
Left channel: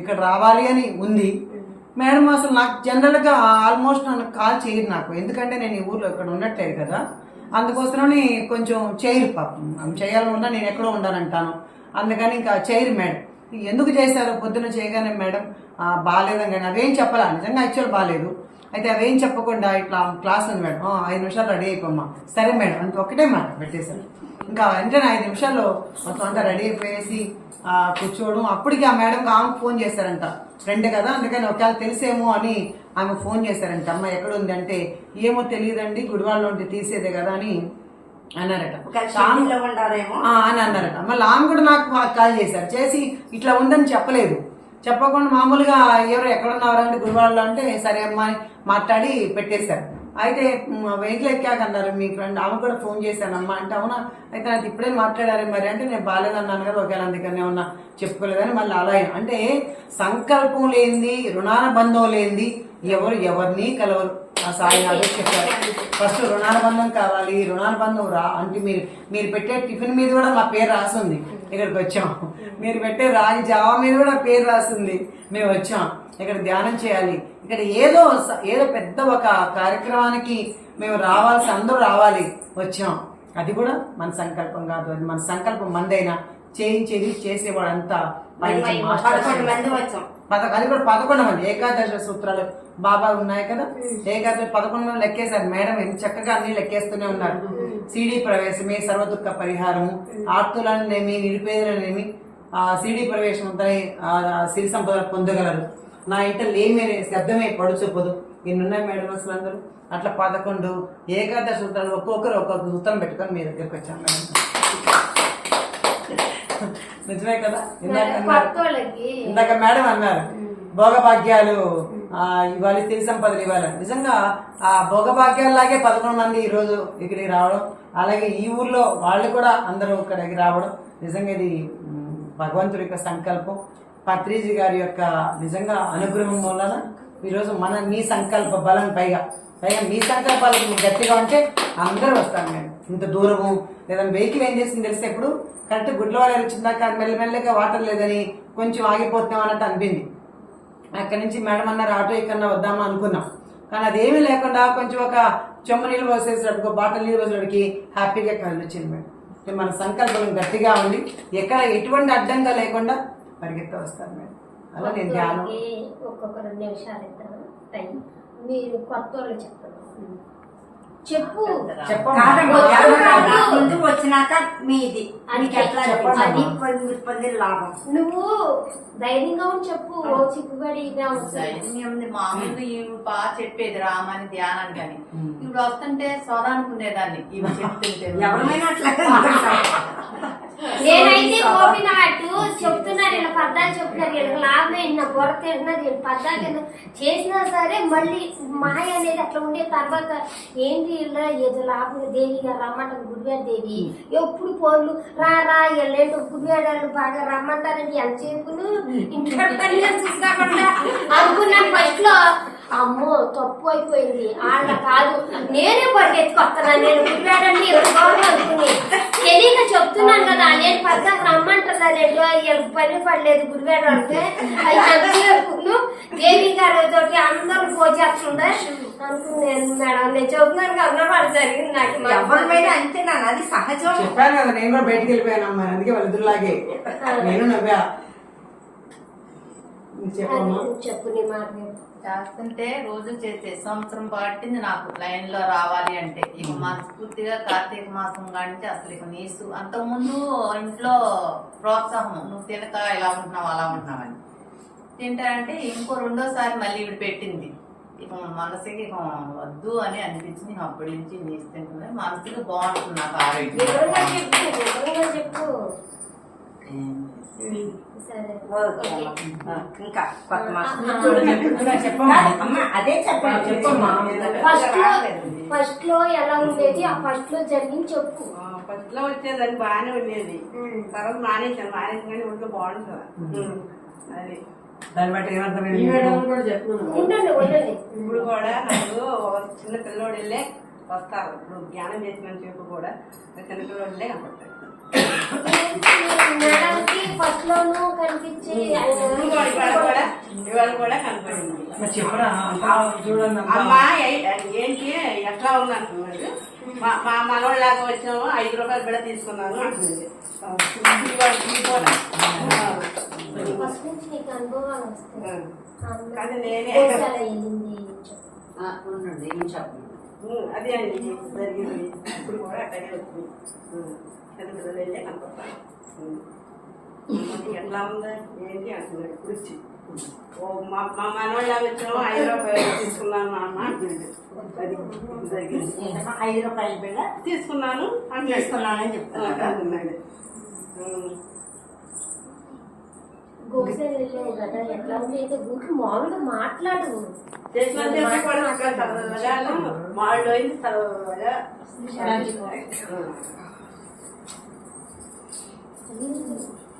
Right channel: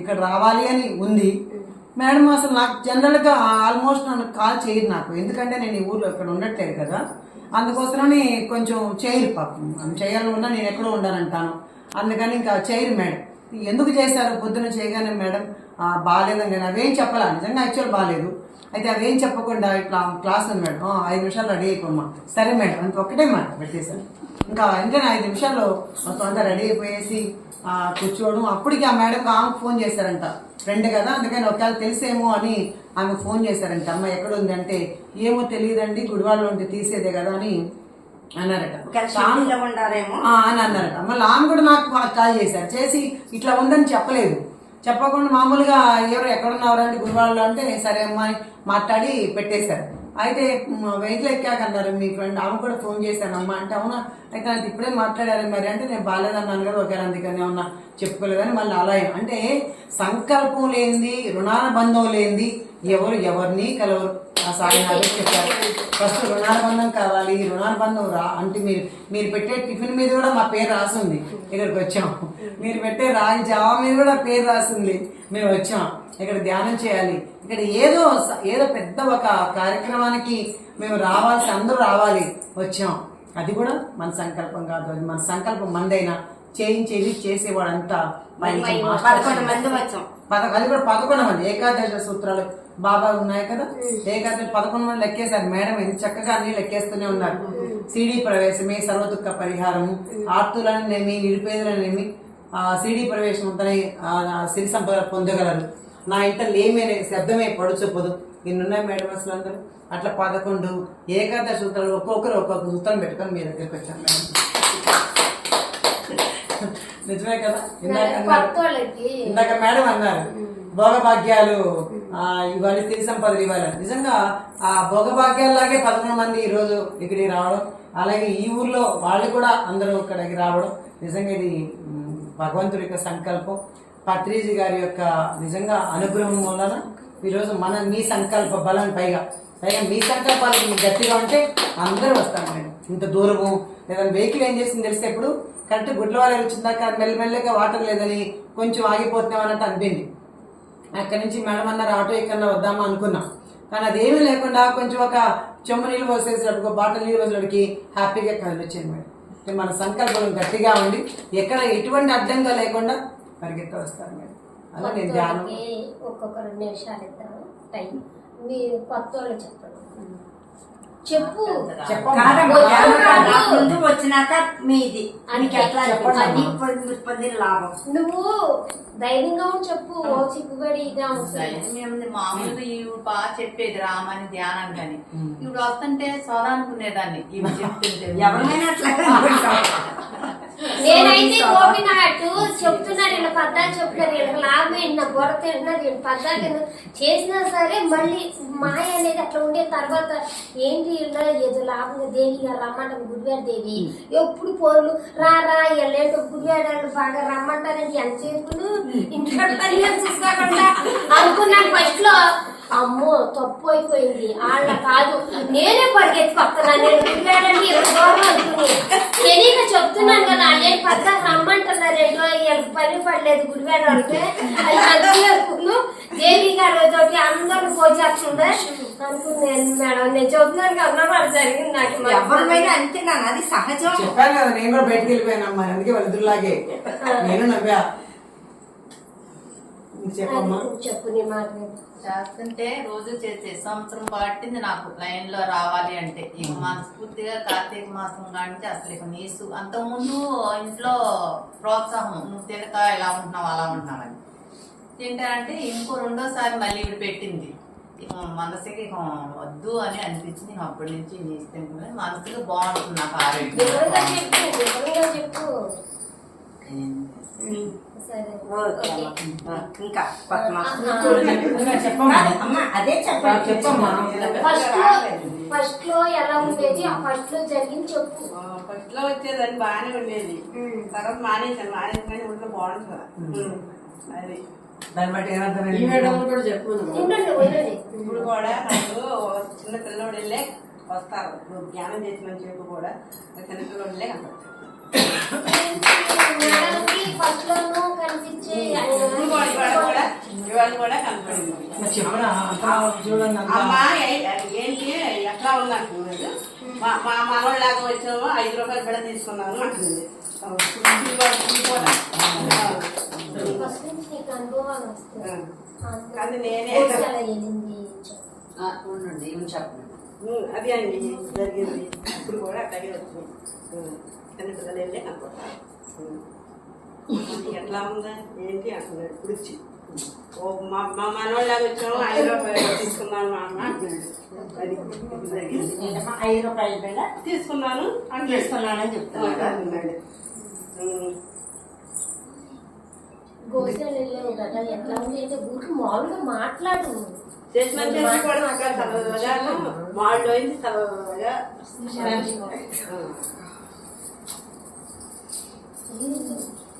ఇక్కడ రావాలి అని ఉంది మేడం. అసలు నాకు జనరల్గా ఆల్మోస్ట్ నన్ను కాల్ చేయరు నాకు, ఎందుకంటే నేను ఈ ఊర్లో ఇక్కడ ఉండట్లేదు కదా, అందుకోసమని కొంచెం చేయరు పాపం. చేయాలని ఉన్నా నేను ఎక్కడో ఉండాలంటాను, అందుకని ఇంకా చేయరు మేడం. ఎందుకు చేశారు పొద్దున్న చేయగానే మేడం బాగాలేదని, కానీ అవేం చెప్పాలా నిజంగా యాక్చువల్ బాగాలేదు. అయితే అవేం చెప్పకుండా ఇట్లా క్లాస్ ఉంది మేడం, 5 నిమిషాలు రెడీ అయిపోమ్మా. సరే మేడం అంత ఒక్కటే మాట పెట్టేశారు. ఇంకా వెంటనే 5 నిమిషాల్లో మొత్తం అంతా రెడీ అయిపోయేసి కూర్చోవడం. అప్పటికి ఆ మేడంకి ఆమెకు ఫోన్ చేశారంట, ఫ్రెండ్ కదా అందుకని ఒకవేళ తెలిసేమో అని ఆమెకు ఫోన్ చేశారంట. అమ్మ ఎక్కడ ఉంది అంటే ఏమో తెలియదండి గుడివాడలో ఉంటే తీసేదే కదా అని అన్నారట. అని అన్నారట. మళ్ళీ ఆమె కూడా నాకు కాల్ చేశారు, చేసి ఇట్లా ఉందని చెప్పలేదు, చెప్పకుండా మామూలుగా ఎవరు ఎక్కడున్నారు అంటే గుడివాడలో అంటే సరే అమ్మా అని మాట్లాడి పెట్టేశారు. అయితే వెయిట్లో ఎక్కాక అన్నారు మీ ఫ్రెండ్, ఆమె కూడా ఫోన్ చేశానమ్మా అంటే అవునా అయితే నాకు ఇప్పుడే మాట్లాడారు మరి అంటే నేను బాగాలేదన్నాను కదా ఒకవేళ అందుకని ఏమన్నా చెప్పుకోలేదని మళ్ళీ అలా అంటే సంకల్పం లేనిది రుణానుబంధం లేనిది ఎవరిని కలవరు. ఆ సాయి నాకు చెప్పారు ఫస్ట్ రుణానుబంధం కావాలి. రుణానుబంధం అంటే మీరు పెట్టే టిఫిన్ మీద కూడా మా పేరు రాసింది, ఇక్కడికి వచ్చాం. మీరు పెట్టే రాగి జావా మీద కూడా పేరు రాసింది, మేము వచ్చాం ఇక్కడ ధ్యానం చేయాలి. ఇక్కడ ఏదో పెద్ద ఒక కార్యక్రమానికి మేము రావాల్సి అందరూ రావాలి వచ్చాం. అది కూడా మన సంకల్పం కాదు, అది మన సంకల్పం మందైనా చేయించేది చేసేవాడంతా 11 మంది ఏకాదశ సూత్రాలు బాబా ఉన్నాయి కదా, ఏకాదశి 11 మంది లెక్కేశారు మేడం. ఎంత చక్కగా అన్ని లెక్కేస్తూనే ఉన్నారు. సిడి ప్రవేశమే సర్వదుఃఖ పరిహారము, ఆర్తులనేమి నిరుపేదలనేమి సిడి ప్రవేశం ఉంటేనే సిరి సంపదలు పొందగలరు. నా ఇంట లేమేనే శబ్దమే పడుచొప్పదు. ఇన్నున్నాయి మేడం అసలు అందరూ అట్లా 11 ఏకాదశి సూత్రాలు ఒక్కొక్కరు ఒక్కొక్క సూత్రం పెట్టుకొని మీ దగ్గరికి వచ్చాను మేడం. నిజమే కదా. ఇందాక మేడం అన్నారు భోగభాగ్యాలు ఇవ్వాలి, సిరి సంపదలు ఇవ్వాలి. నిజంగా ఆ భోగభాగ్యాలలాగే 11 మంది ఈ రోజు ఇక్కడికి రావడం, అలాగే ఈ ఊర్లో వాళ్ళు కూడా అందరూ ఇక్కడికి రావడం నిజంగా ఇది భగవంతుడి యొక్క సంకల్పం. పత్రిజీ గారి యొక్క నిజంగా అనుగ్రహం వలన ఈరోజు మీ సంకల్ప బలం పైగా మీ సంకల్పాలకు గట్టిగా ఉంటే అందరూ వస్తారు మేడం. ఇంత దూరము లేదా వెహికల్ ఏం చేసింది తెలిస్తే ఇప్పుడు కరెక్ట్ గుడ్లవాళ్ళ వచ్చిందాక మెల్లమెల్లగా వాటర్ లేదని కొంచెం ఆగిపోతున్నాం అన్నట్టు అనిపింది. అక్కడి నుంచి మేడం అన్నారు ఆటో ఎక్కడన్నా వద్దామా అనుకున్నాం, కానీ అదేమీ లేకుండా కొంచెం ఒక చెమ్మ నీళ్ళు పోసేసేటప్పుడు బాటిల్ నీళ్ళు పోసేటప్పటికి హ్యాపీగా కదిలిచ్చింది మేడం. మన సంకల్పం గట్టిగా ఉండి ఎక్కడ ఎటువంటి అడ్డంగా లేకుండా పరిగెత్త వస్తారు మేడం. అలా నేను ధ్యానం ఒక్కొక్క 2 నిమిషాలు ఇద్దాము టైం. మీరు కొత్త వాళ్ళు చెప్తారు చెప్పు ముందు వచ్చినాక మీది లాభం. నువ్వు ధైర్యంగా చెప్పు, చిక్కుబడిగా మామూలుగా ఇవి బాగా చెప్పేది రామని ధ్యానం కానీ ఇప్పుడు వస్తుంటే సోదా అనుకునేదాన్ని ఇవి చెప్తుంటే ఎవరైనా నేనైతే గోపినాటు చెప్తున్నా, నేను పద్దాలు చెప్తున్నా, నేను లాభం నా బొర తింటున్నా, నేను పద్దాలు కింద చేసినా సరే మళ్ళీ మాయ అనేది అట్లా ఉండే. తర్వాత ఏంటి ఏదో లాభం దేవి రమ్మంటారు గుడివాడ దేవి ఎప్పుడు పోర్లు రా ఎల్లేంటో గుడివాడాలు బాగా రమ్మంటారని ఎంత చేసుకుని ఇంట్లో పని చూసుకోకుండా అనుకున్నాను. ఫస్ట్ లో అమ్మో తప్పు అయిపోయింది, వాళ్ళ కాదు నేనే పరిగెత్తుకొస్తున్నాను, నేను గుడివాడని అనుకుని తెలియక చెప్తున్నాను కదా. నేను పద్దాకు రమ్మంటున్నారు, 2 రోజులు పని పడలేదు గుడివాడ అంటే అది అనుకున్నాను. దేవి గారు తోటి అందరూ పోచేస్తుండే అనుకున్నాను మేడం. నేను చెబుతున్నాను కదా అది జరిగింది నాకు. అంతేనా, అది సహజం. చెప్పాను కదా నేను కూడా బయటకు వెళ్ళిపోయానమ్మా, అందుకే వాళ్ళిద్దరులాగే నేను నవ్వా. చెప్పు నీ మాట చేస్తుంటే రోజు చేసే సంవత్సరం పట్టింది నాకు లైన్ లో రావాలి అంటే. ఇక మనస్ఫూర్తిగా కార్తీక మాసం కానించి అసలు ఇక నీసు అంతకుముందు ఇంట్లో ప్రోత్సాహం, నువ్వు తినక ఇలా ఉంటున్నావు అలా ఉంటున్నావు అని. తింటారంటే ఇంకో 2వ సారి మళ్ళీ ఇవి పెట్టింది ఇక మనసుకి ఇక వద్దు అని అనిపించింది. ఇక అప్పటి నుంచి నీసు తింటున్నాను. మనసుకి బాగుంటుంది నాకు వివరంగా ఆరోగ్యం. చెప్పు, వివరంగా చెప్పు. సరే ఓకే. ఓకే. ఇంకా కొత్త మాట. ఇంకా చెప్పమ్మా. అమ్మ అదే చెప్పండి. చెప్పమ్మా. ఫస్ట్ లో ఎలా ఉండేది, ఆ ఫస్ట్ లో జరిగింది చెప్పు. ఫస్ట్ లో వచ్చేదని బాగానే ఉండేది. తర్వాత మానేసాను ఒంట్లో బాగుంటుంది. అది దాన్ని బట్టి ఏమంటారు? ఉండండి ఉండండి. ఇప్పుడు కూడా నాకు చిన్న పిల్లోడు వెళ్ళే వస్తారు. ఇప్పుడు జ్ఞానం చేసిన చెప్పు కూడా చిన్న పిల్లోడు వెళ్ళే కనపడతాడు. మేడంకి ఫస్ట్ లోనూ కనిపించి ఇవాళ కూడా కనపడింది. మరి చెప్పురా చూడండి అంతా. అమ్మా ఏంటి ఎట్లా ఉంది అంటున్నాడు. మా మనోళ్ళలాగా వచ్చాము, 5 రూపాయలు బిడ తీసుకున్నాను అంటుంది. ఫస్ట్ నుంచి నీకు అనుభవాలు వస్తాయి. కానీ నేనే ఎలా వెళ్ళింది చెప్పు. ఉండండి ఏం చెప్పండి. అది అండి జరిగింది. ఇప్పుడు కూడా అట్లాగే వచ్చింది. చిన్న పిల్లలు వెళ్ళే కనపడతారు. ఎట్లా ఉందా ఏంటి అంటున్నాడు. ఇప్పుడు వచ్చి మా మనోళ్ళలాగా వచ్చాము, 5 రూపాయలు తీసుకున్నాను మా అమ్మ. అది జరిగింది. 5 రూపాయల బిళ్ళ తీసుకున్నాను తీసుకున్నానని చెప్తున్నాడు. అన్నాడు. గోసెలు వెళ్ళావు కదా, ఎట్లా ఉంది అంటే ఊరికి మామూలుగా మాట్లాడు. చేసినంత కూడా అక్కడ చదవగా వాళ్ళు అయింది చదవగా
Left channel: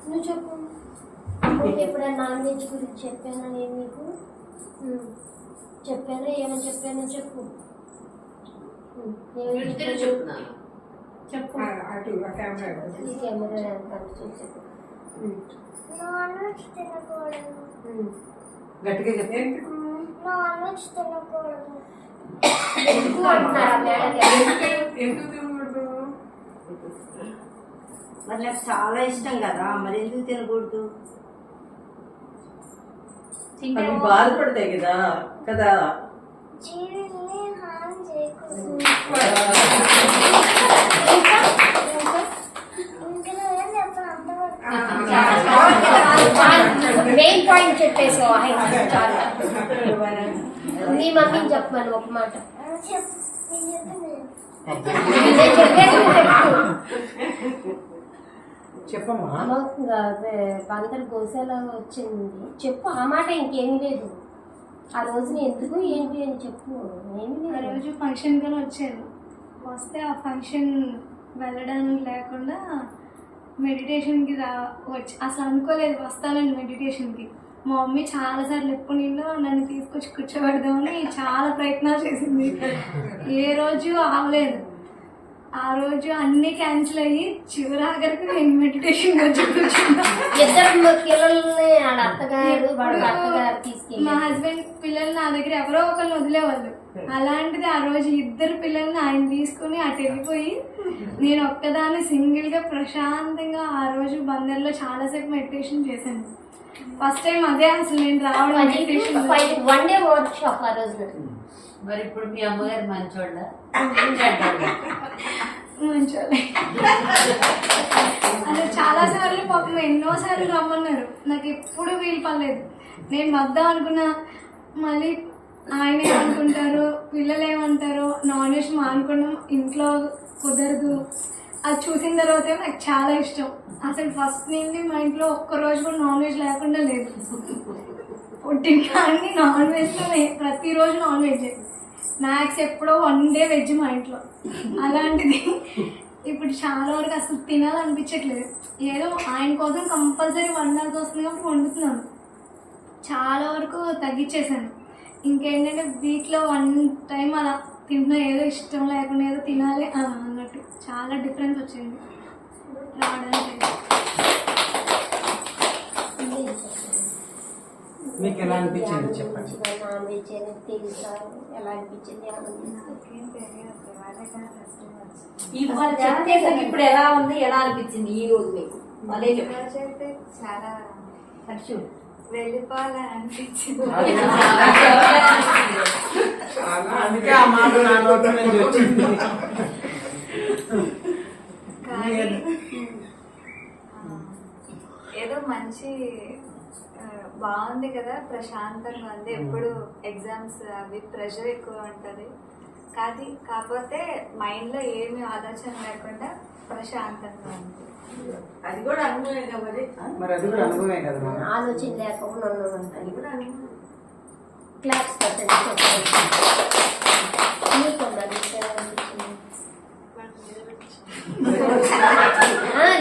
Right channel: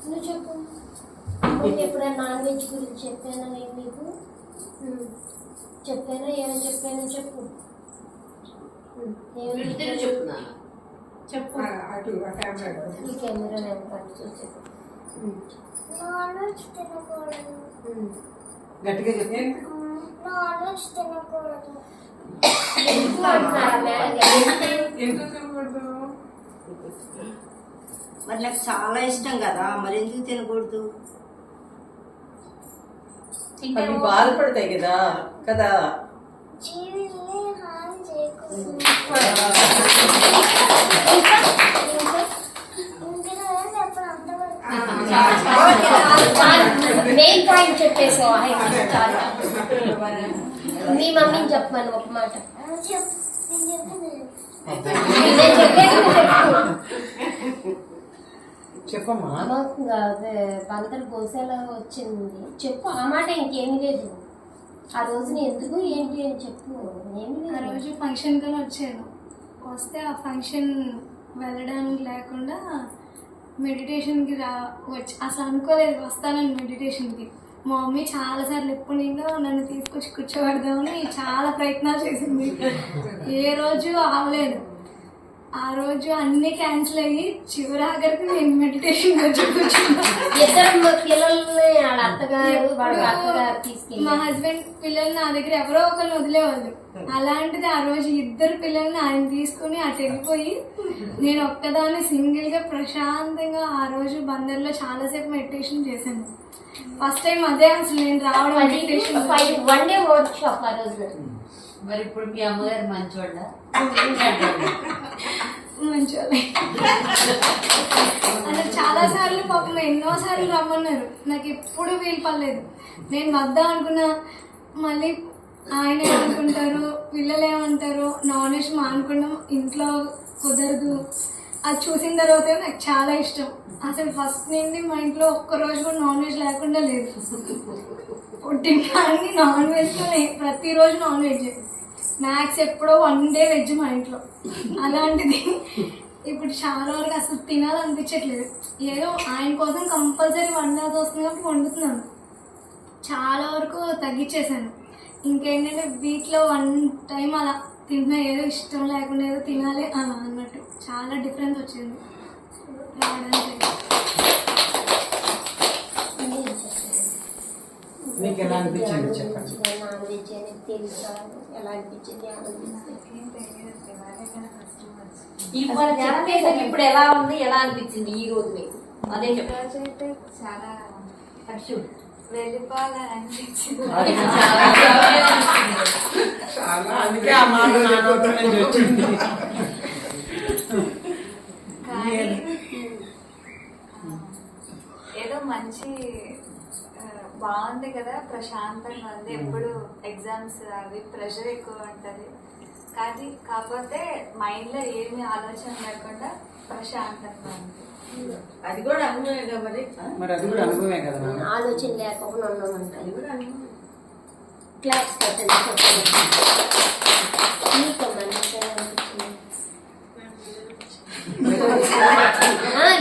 నువ్వు చెప్పు. ఎప్పుడైనా నాన్ వెజ్ గురించి చెప్పానా నేను నీకు? చెప్పానా? ఏమని చెప్పానో చెప్పు. చెప్తున్నాను. చెప్పు. ఈ కెమెరా చెప్పు. నాన్ వెజ్ తినకూడదు. గట్టిగా చెప్పి నాన్ వెజ్ తినకూడదు. ఎందుకు అంటున్నారా మేడం గారు? మరి నాకు చాలా ఇష్టం కదా, మరి ఎందుకు తినకూడదు? అవి బాధపడతాయి కదా కదా. జీవిని హాని చేయకూడదు. ఇంకా ఇంకా చెప్పను అంతవరకు. మెయిన్ పాయింట్ చెప్పేసావు. చాలు. మీ మమ్మీని చెప్పమని ఒక మాట. చెప్పు. నేను చెప్పింది నేను చెప్పేది చెప్పు. చెప్పమ్మా. అదే బందరు గోసేలా వచ్చింది చెప్పు. ఆ మాట ఇంకేమీ లేదు. ఆ రోజున ఎందుకు ఏంటి అని చెప్పు. ఏమి ఆ రోజు ఫంక్షన్కి వచ్చాను. వస్తే ఆ ఫంక్షన్ వెళ్ళడానికి లేకుండా మెడిటేషన్కి వచ్చి అసలు అనుకోలేదు వస్తానని మెడిటేషన్కి. మా మమ్మీ చాలాసార్లు ఎప్పుడు నిందో నన్ను తీసుకొచ్చి కూర్చోబెడదామని చాలా ప్రయత్నాలు చేసింది. ఏ రోజు అవ్వలేదు. ఆ రోజు అన్ని క్యాన్సిల్ అయ్యి చివరాఖరికి నేను మెడిటేషన్ వచ్చి కూర్చున్నా. ఇద్దరు పిల్లల్ని వాళ్ళ అత్తగారు వాళ్ళ అత్తగారు తీసుకెళ్ళి మా హస్బెండ్ పిల్లల్ని నా దగ్గర ఎవరో ఒకరిని వదిలేవాళ్ళు. అలాంటిది ఆ రోజు 2 పిల్లల్ని ఆయన తీసుకుని అటు వెళ్ళిపోయి నేను ఒక్కదాన్ని సింగిల్గా ప్రశాంతంగా ఆ రోజు బందర్లో చాలాసేపు మెడిటేషన్ చేశాను. ఫస్ట్ టైం అదే అసలు నేను రావడం మెడిటేషన్. 1 డే వర్క్ షాప్ ఆ రోజు. మరి ఇప్పుడు మీ అమ్మగారు మంచోళ్ళ? మంచోళ్ళే. అసలు చాలాసార్లు పాపం ఎన్నోసార్లు రమ్మన్నారు. నాకు ఎప్పుడు వీలు పడలేదు. నేను వద్దాం అనుకున్నా. మళ్ళీ ఆయన ఏమనుకుంటారు, పిల్లలు ఏమంటారు, నాన్ వెజ్ మానుకోవడం ఇంట్లో కుదరదు. అది చూసిన తర్వాత నాకు చాలా ఇష్టం. అసలు ఫస్ట్ నుండి మా ఇంట్లో ఒక్కరోజు కూడా నాన్ వెజ్ లేకుండా లేదు. పుట్టిన కానీ నాన్ వెజ్లో ప్రతిరోజు నాన్ వెజ్. స్నాక్స్ ఎప్పుడో 1 డే వెజ్ మా ఇంట్లో. అలాంటిది ఇప్పుడు చాలా వరకు అసలు తినాలనిపించట్లేదు. ఏదో ఆయన కోసం కంపల్సరీ వండాల్సి వస్తుంది కాబట్టి వండుతున్నాను. చాలా వరకు తగ్గించేసాను. ఇంకేంటంటే వీక్లో 1 టైం అలా తింటున్నా. ఏదో ఇష్టం లేకుండా ఏదో తినాలి అలా అన్నట్టు చాలా డిఫరెన్స్ వచ్చింది రావడానికి. మీకు ఎలా అనిపించింది చెప్పండి. నాన్ వెజ్ అనేది తెలుసా? ఎలా అనిపించింది? చెప్పేసాక ఇప్పుడు ఎలా ఉంది, ఎలా అనిపించింది ఈ రోజు మీకు? అదే రోజు అయితే చాలా వెళ్ళిపోవాలని అనిపించింది. అందుకే ఆ మాట నా నోటి నుంచి వచ్చింది. కానీ ఏదో మంచి బాగుంది బాగుంది కదా, ప్రశాంతంగా ఉంది. ఎప్పుడు ఎగ్జామ్స్ అవి ప్రెషర్ ఎక్కువ ఉంటుంది, కాకపోతే మైండ్లో ఏమి ఆలోచన లేకుండా ప్రశాంతంగా ఉంది. అది కూడా అనుభవమే కదా మరి. మరి అది కూడా అనుభవమే కదా నాన్న. ఆలోచన లేకుండా ఉండదు. క్లాస్ పెట్టండి.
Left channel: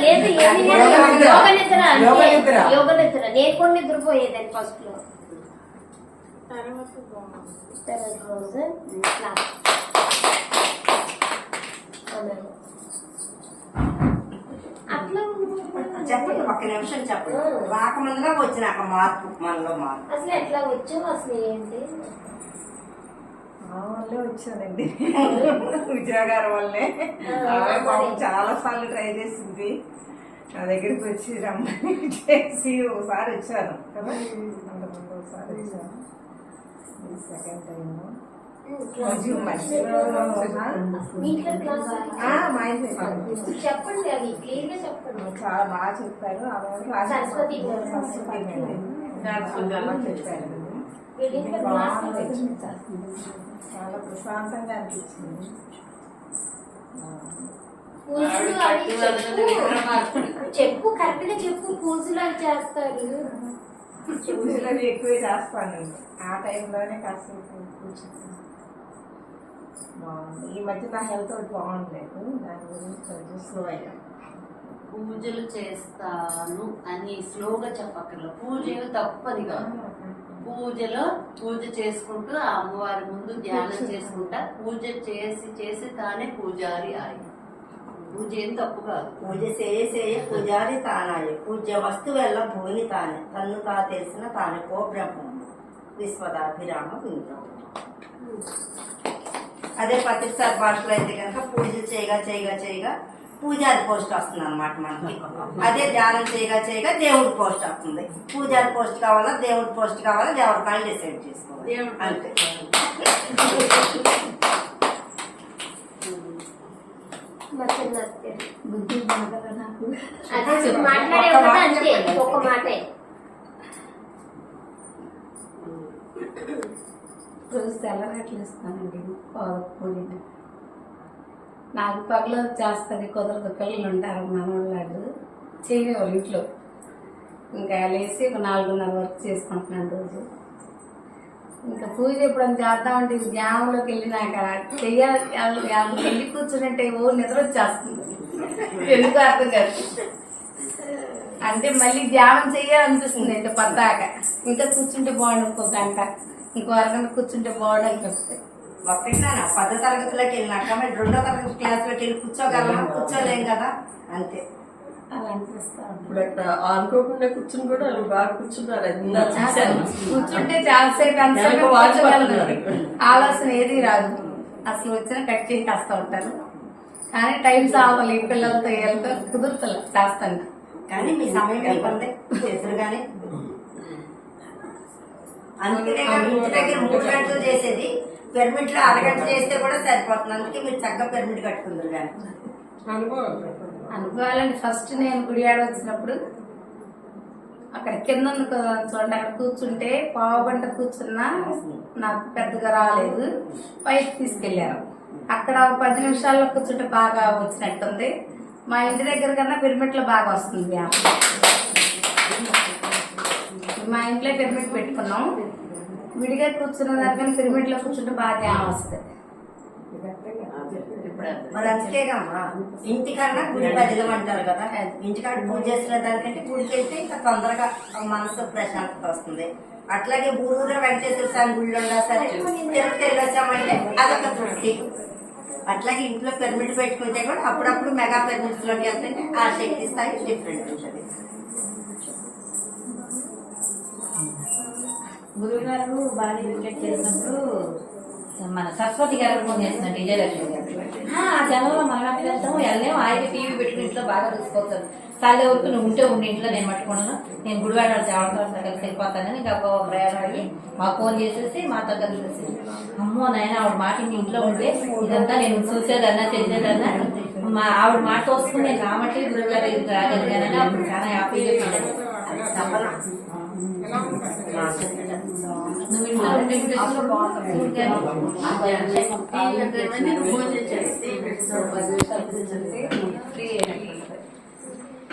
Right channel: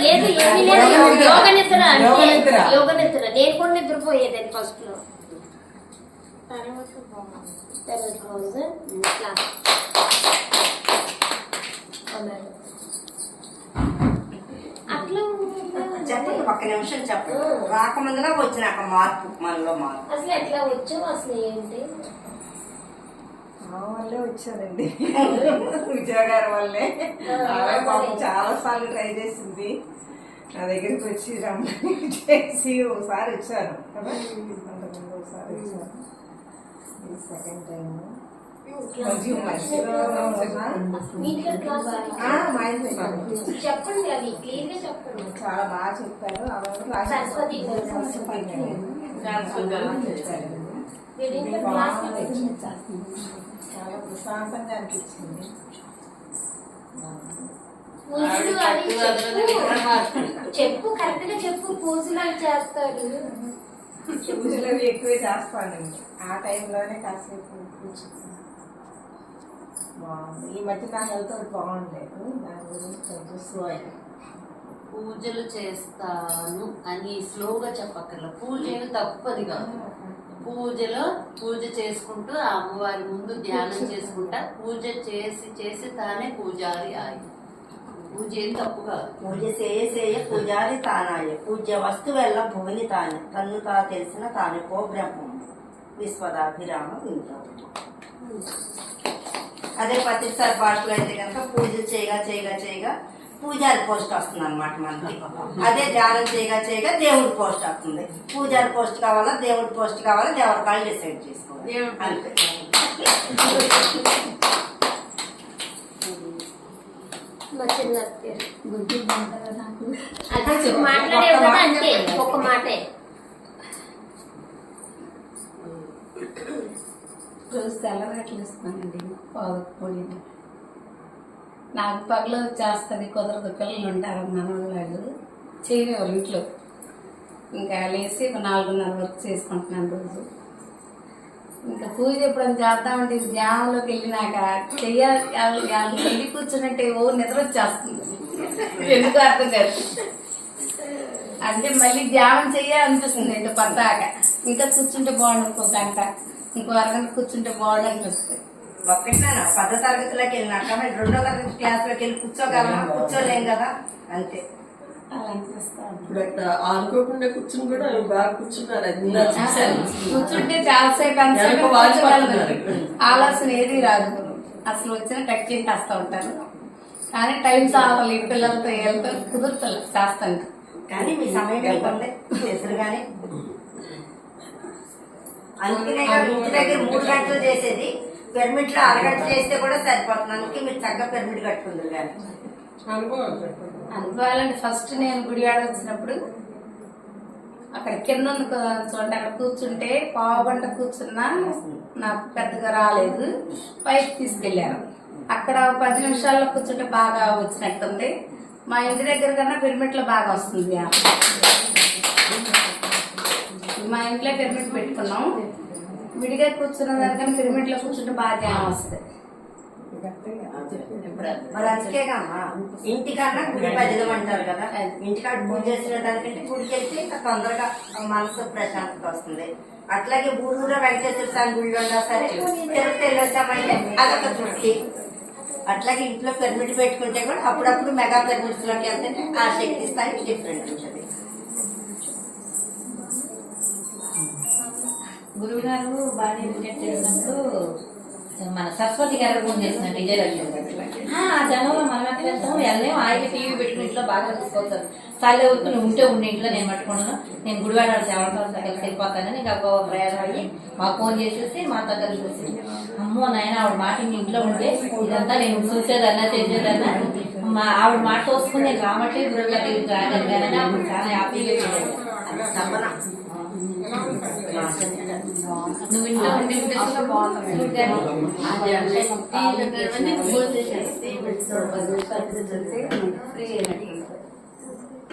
లేదు ఏమీ లేదు, యోగ నిద్ర అంటే యోగ నిద్ర. నేను కూడా నిద్రపోయేదాన్ని ఫస్ట్ లో. తర్వాత రోజు క్లాస్ అట్లా చెప్పండి, ఒక్క నిమిషం చెప్పండి. రాకముందుగా వచ్చినాక మార్పు మనలో మార్పు అసలు ఎట్లా వచ్చావు, అసలు ఏంటి? ఆ వల్లే వచ్చానండి, విజయగారి వల్లే. ఆమె పాపం చాలా సార్లు ట్రై చేసింది, నా దగ్గరికి వచ్చి రమ్మని చేసి ఒకసారి వచ్చాను కదా, అంతకుముందు ఒకసారి వచ్చాను, ఇది సెకండ్ టైం. కొంచెం మంచిగా మా ఇంట్లో చెప్పండి, అవి క్లియర్ గా చెప్పండి. చాలా బాగా చెప్పారు. సరస్వతి చాలా ప్రశాంతంగా అనిపించింది. చెప్పు, కరెక్ట్ గా చెప్పు. పూజలు అవి చేస్తారు, పూజలు అవి ఎక్కువే చేస్తానండి. ఆ టైంలోనే కాసేపు కూర్చుంటాను. బాగుంది. ఈ మధ్య నా హెల్త్ బాగుండలేదు, దాని గురించి కొంచెం స్లో అయ్యా. పూజలు చేస్తాను అని స్లోగా చెప్పక్కర్ల. పూజలు తప్పది కాదు. పూజ చేసుకుంటూ ఆ అమ్మవారి ముందు ధ్యానం చేసుకుంటా పూజ చేసి చేసి తానే పూజారి ఆయి. పూజ ఏం తప్పు కాదు. పూజ చేయ పూజారి తానాయ, పూజ్య వస్తువెల్ల భూమిని తానే, తన్ను తా తెలిసిన తానే పో బ్రహ్మం విశ్వదాభిరామ వింటాం. అదే పత్రిసారి భాషలో అయితే కనుక పూజ చేయగా పూజారి పోస్ట్ వస్తుంది అనమాట మనకి. అదే ధ్యానం చేయగా దేవుడి పోస్ట్ వస్తుంది. పూజారి పోస్ట్ కావాలా దేవుడి పోస్ట్ కావాలా దేవుడి కాళ్ళు డిసైడ్ చేసుకోవాలి అంతే. మాట్లాడే అంతే, ఒక మాటే. రోజు తెల్లరేట్లు ఇస్తానండి, పొడి. నాకు పగలు చేస్తుంది, కుదరదు. పిల్లలు ఉంటారు మనవాళ్ళు, చేయనివారు ఇంట్లో. ఇంకా లేచి ఒక 4:30 వరకు చేసుకుంటున్నాను రోజు. ఇంకా పూజ ఎప్పుడైనా చేద్దామంటే ధ్యానంలోకి వెళ్ళినాక వెళ్ళి కూర్చున్నట్టే నిద్ర వచ్చేస్తుంది. ఎందుకు అర్థం కాదు. అంటే మళ్ళీ ధ్యానం చెయ్యాలనిపిస్తుంది. ఇంకా పద్దాక ఇంకా కూర్చుంటే బాగుండు, ఇంకో గంట, ఇంకో అరగంట కూర్చుంటే బాగుండు అనిపిస్తుంది. ఒక్కటినా 10వ తరగతిలోకి వెళ్ళినాక మరి 2వ తరగతి క్లాస్లోకి వెళ్ళి కూర్చోగలమా? కూర్చోలేం కదా, అంతే. అలా అనిపిస్తాను. ఇప్పుడు అక్కడ ఆడుకోకుండా కూర్చుని కూడా బాగా కూర్చున్నారు. కూర్చుంటే చాలాసేపు ఆలోచన ఏది రాదు. అసలు వచ్చిన కట్ చేసి వస్తూ ఉంటారు. కానీ టైం సావాలి, పిల్లలతో వెళ్తే కుదురుతుంది చేస్తాను. కానీ మీ సమయం ఇబ్బంది ఎదురుగానే. అందుకనే ఇంటి దగ్గర 3 గంటలు చేసేది, పిరమిడ్ లో అరగంట చేస్తే కూడా సరిపోతుంది. అందుకే మీరు చక్కగా పిరమిడ్ కట్టుకుందరు. కానీ అనుకోవాలంటే ఫస్ట్ నేను గుడివాడ వచ్చినప్పుడు అక్కడ కింద చూడండి, అక్కడ కూర్చుంటే పావుగంట కూర్చున్నా నాకు పెద్దగా రాలేదు. పైకి తీసుకెళ్లారు. అక్కడ 10 నిమిషాల్లో కూర్చుంటే బాగా వచ్చినట్టుంది. మా ఇంటి దగ్గర కన్నా పిరమిడ్ లో బాగా వస్తుంది. మా ఇంట్లో పిరమిడ్ పెట్టుకున్నాం. విడిగా కూర్చున్న దానికన్నా పిరమిడ్ లో కూర్చుంటే బాగా ధ్యానం వస్తుంది. మరి అందుకేగామా ఇంటికన్నా గుడి బదిలం అంటారు కదా. ఇంటికాడ పూజ చేసిన దానికంటే గుడికి వెళ్తే ఇంకా తొందరగా మనసు ప్రశాంతత వస్తుంది. అట్లాగే ఊరూరులో వెంకటేశ్వర స్వామి గుళ్ళు ఉన్నా సరే తిరుపతి వెళ్ళొచ్చామంటే అదొక తృప్తి. అట్లాగే ఇంట్లో పిరమిడ్ పెట్టుకుంటే కూడా అప్పుడప్పుడు మెగా పిరమిడ్స్ లోకి వెళ్తే ఆ శక్తి స్థాయి డిఫరెంట్ ఉంటుంది. గురువు గారు బాగా విజిట్ చేసినప్పుడు మన సరస్వతి గారు ఫోన్ చేసినట్టు విజయలక్ష్మి గారు జనంలో మనం ఎక్కడ వెళ్తాము వెళ్ళలేము. ఆయన టీవీ పెట్టుకుని ఇంట్లో బాగా చూసుకోవచ్చు. సార్లే వరకు నువ్వు ఉంటే ఇంట్లో నేను పట్టుకున్నాను, నేను గుడివాడ దేవతలతో కలిసి వెళ్ళిపోతానని ఇంకా ప్రయాణం అయ్యి మాకు ఫోన్ చేసేసి మాతో కలిసి అమ్మో నాయన ఆవిడ మాట ఇంట్లో ఉంటే ఇదంతా నేను చూసేదన్నా చేసేదన్నా ఆవిడ మాట చూసుకుని నేను రామట్లే గురువు గారి రాగలిగానని అప్పుడు చాలా హ్యాపీగా ఫీల్ అయ్యాను. నువ్వు ఇంట్లో ఉండే భోజనం చేసేసి ఫ్రీ అయినట్టు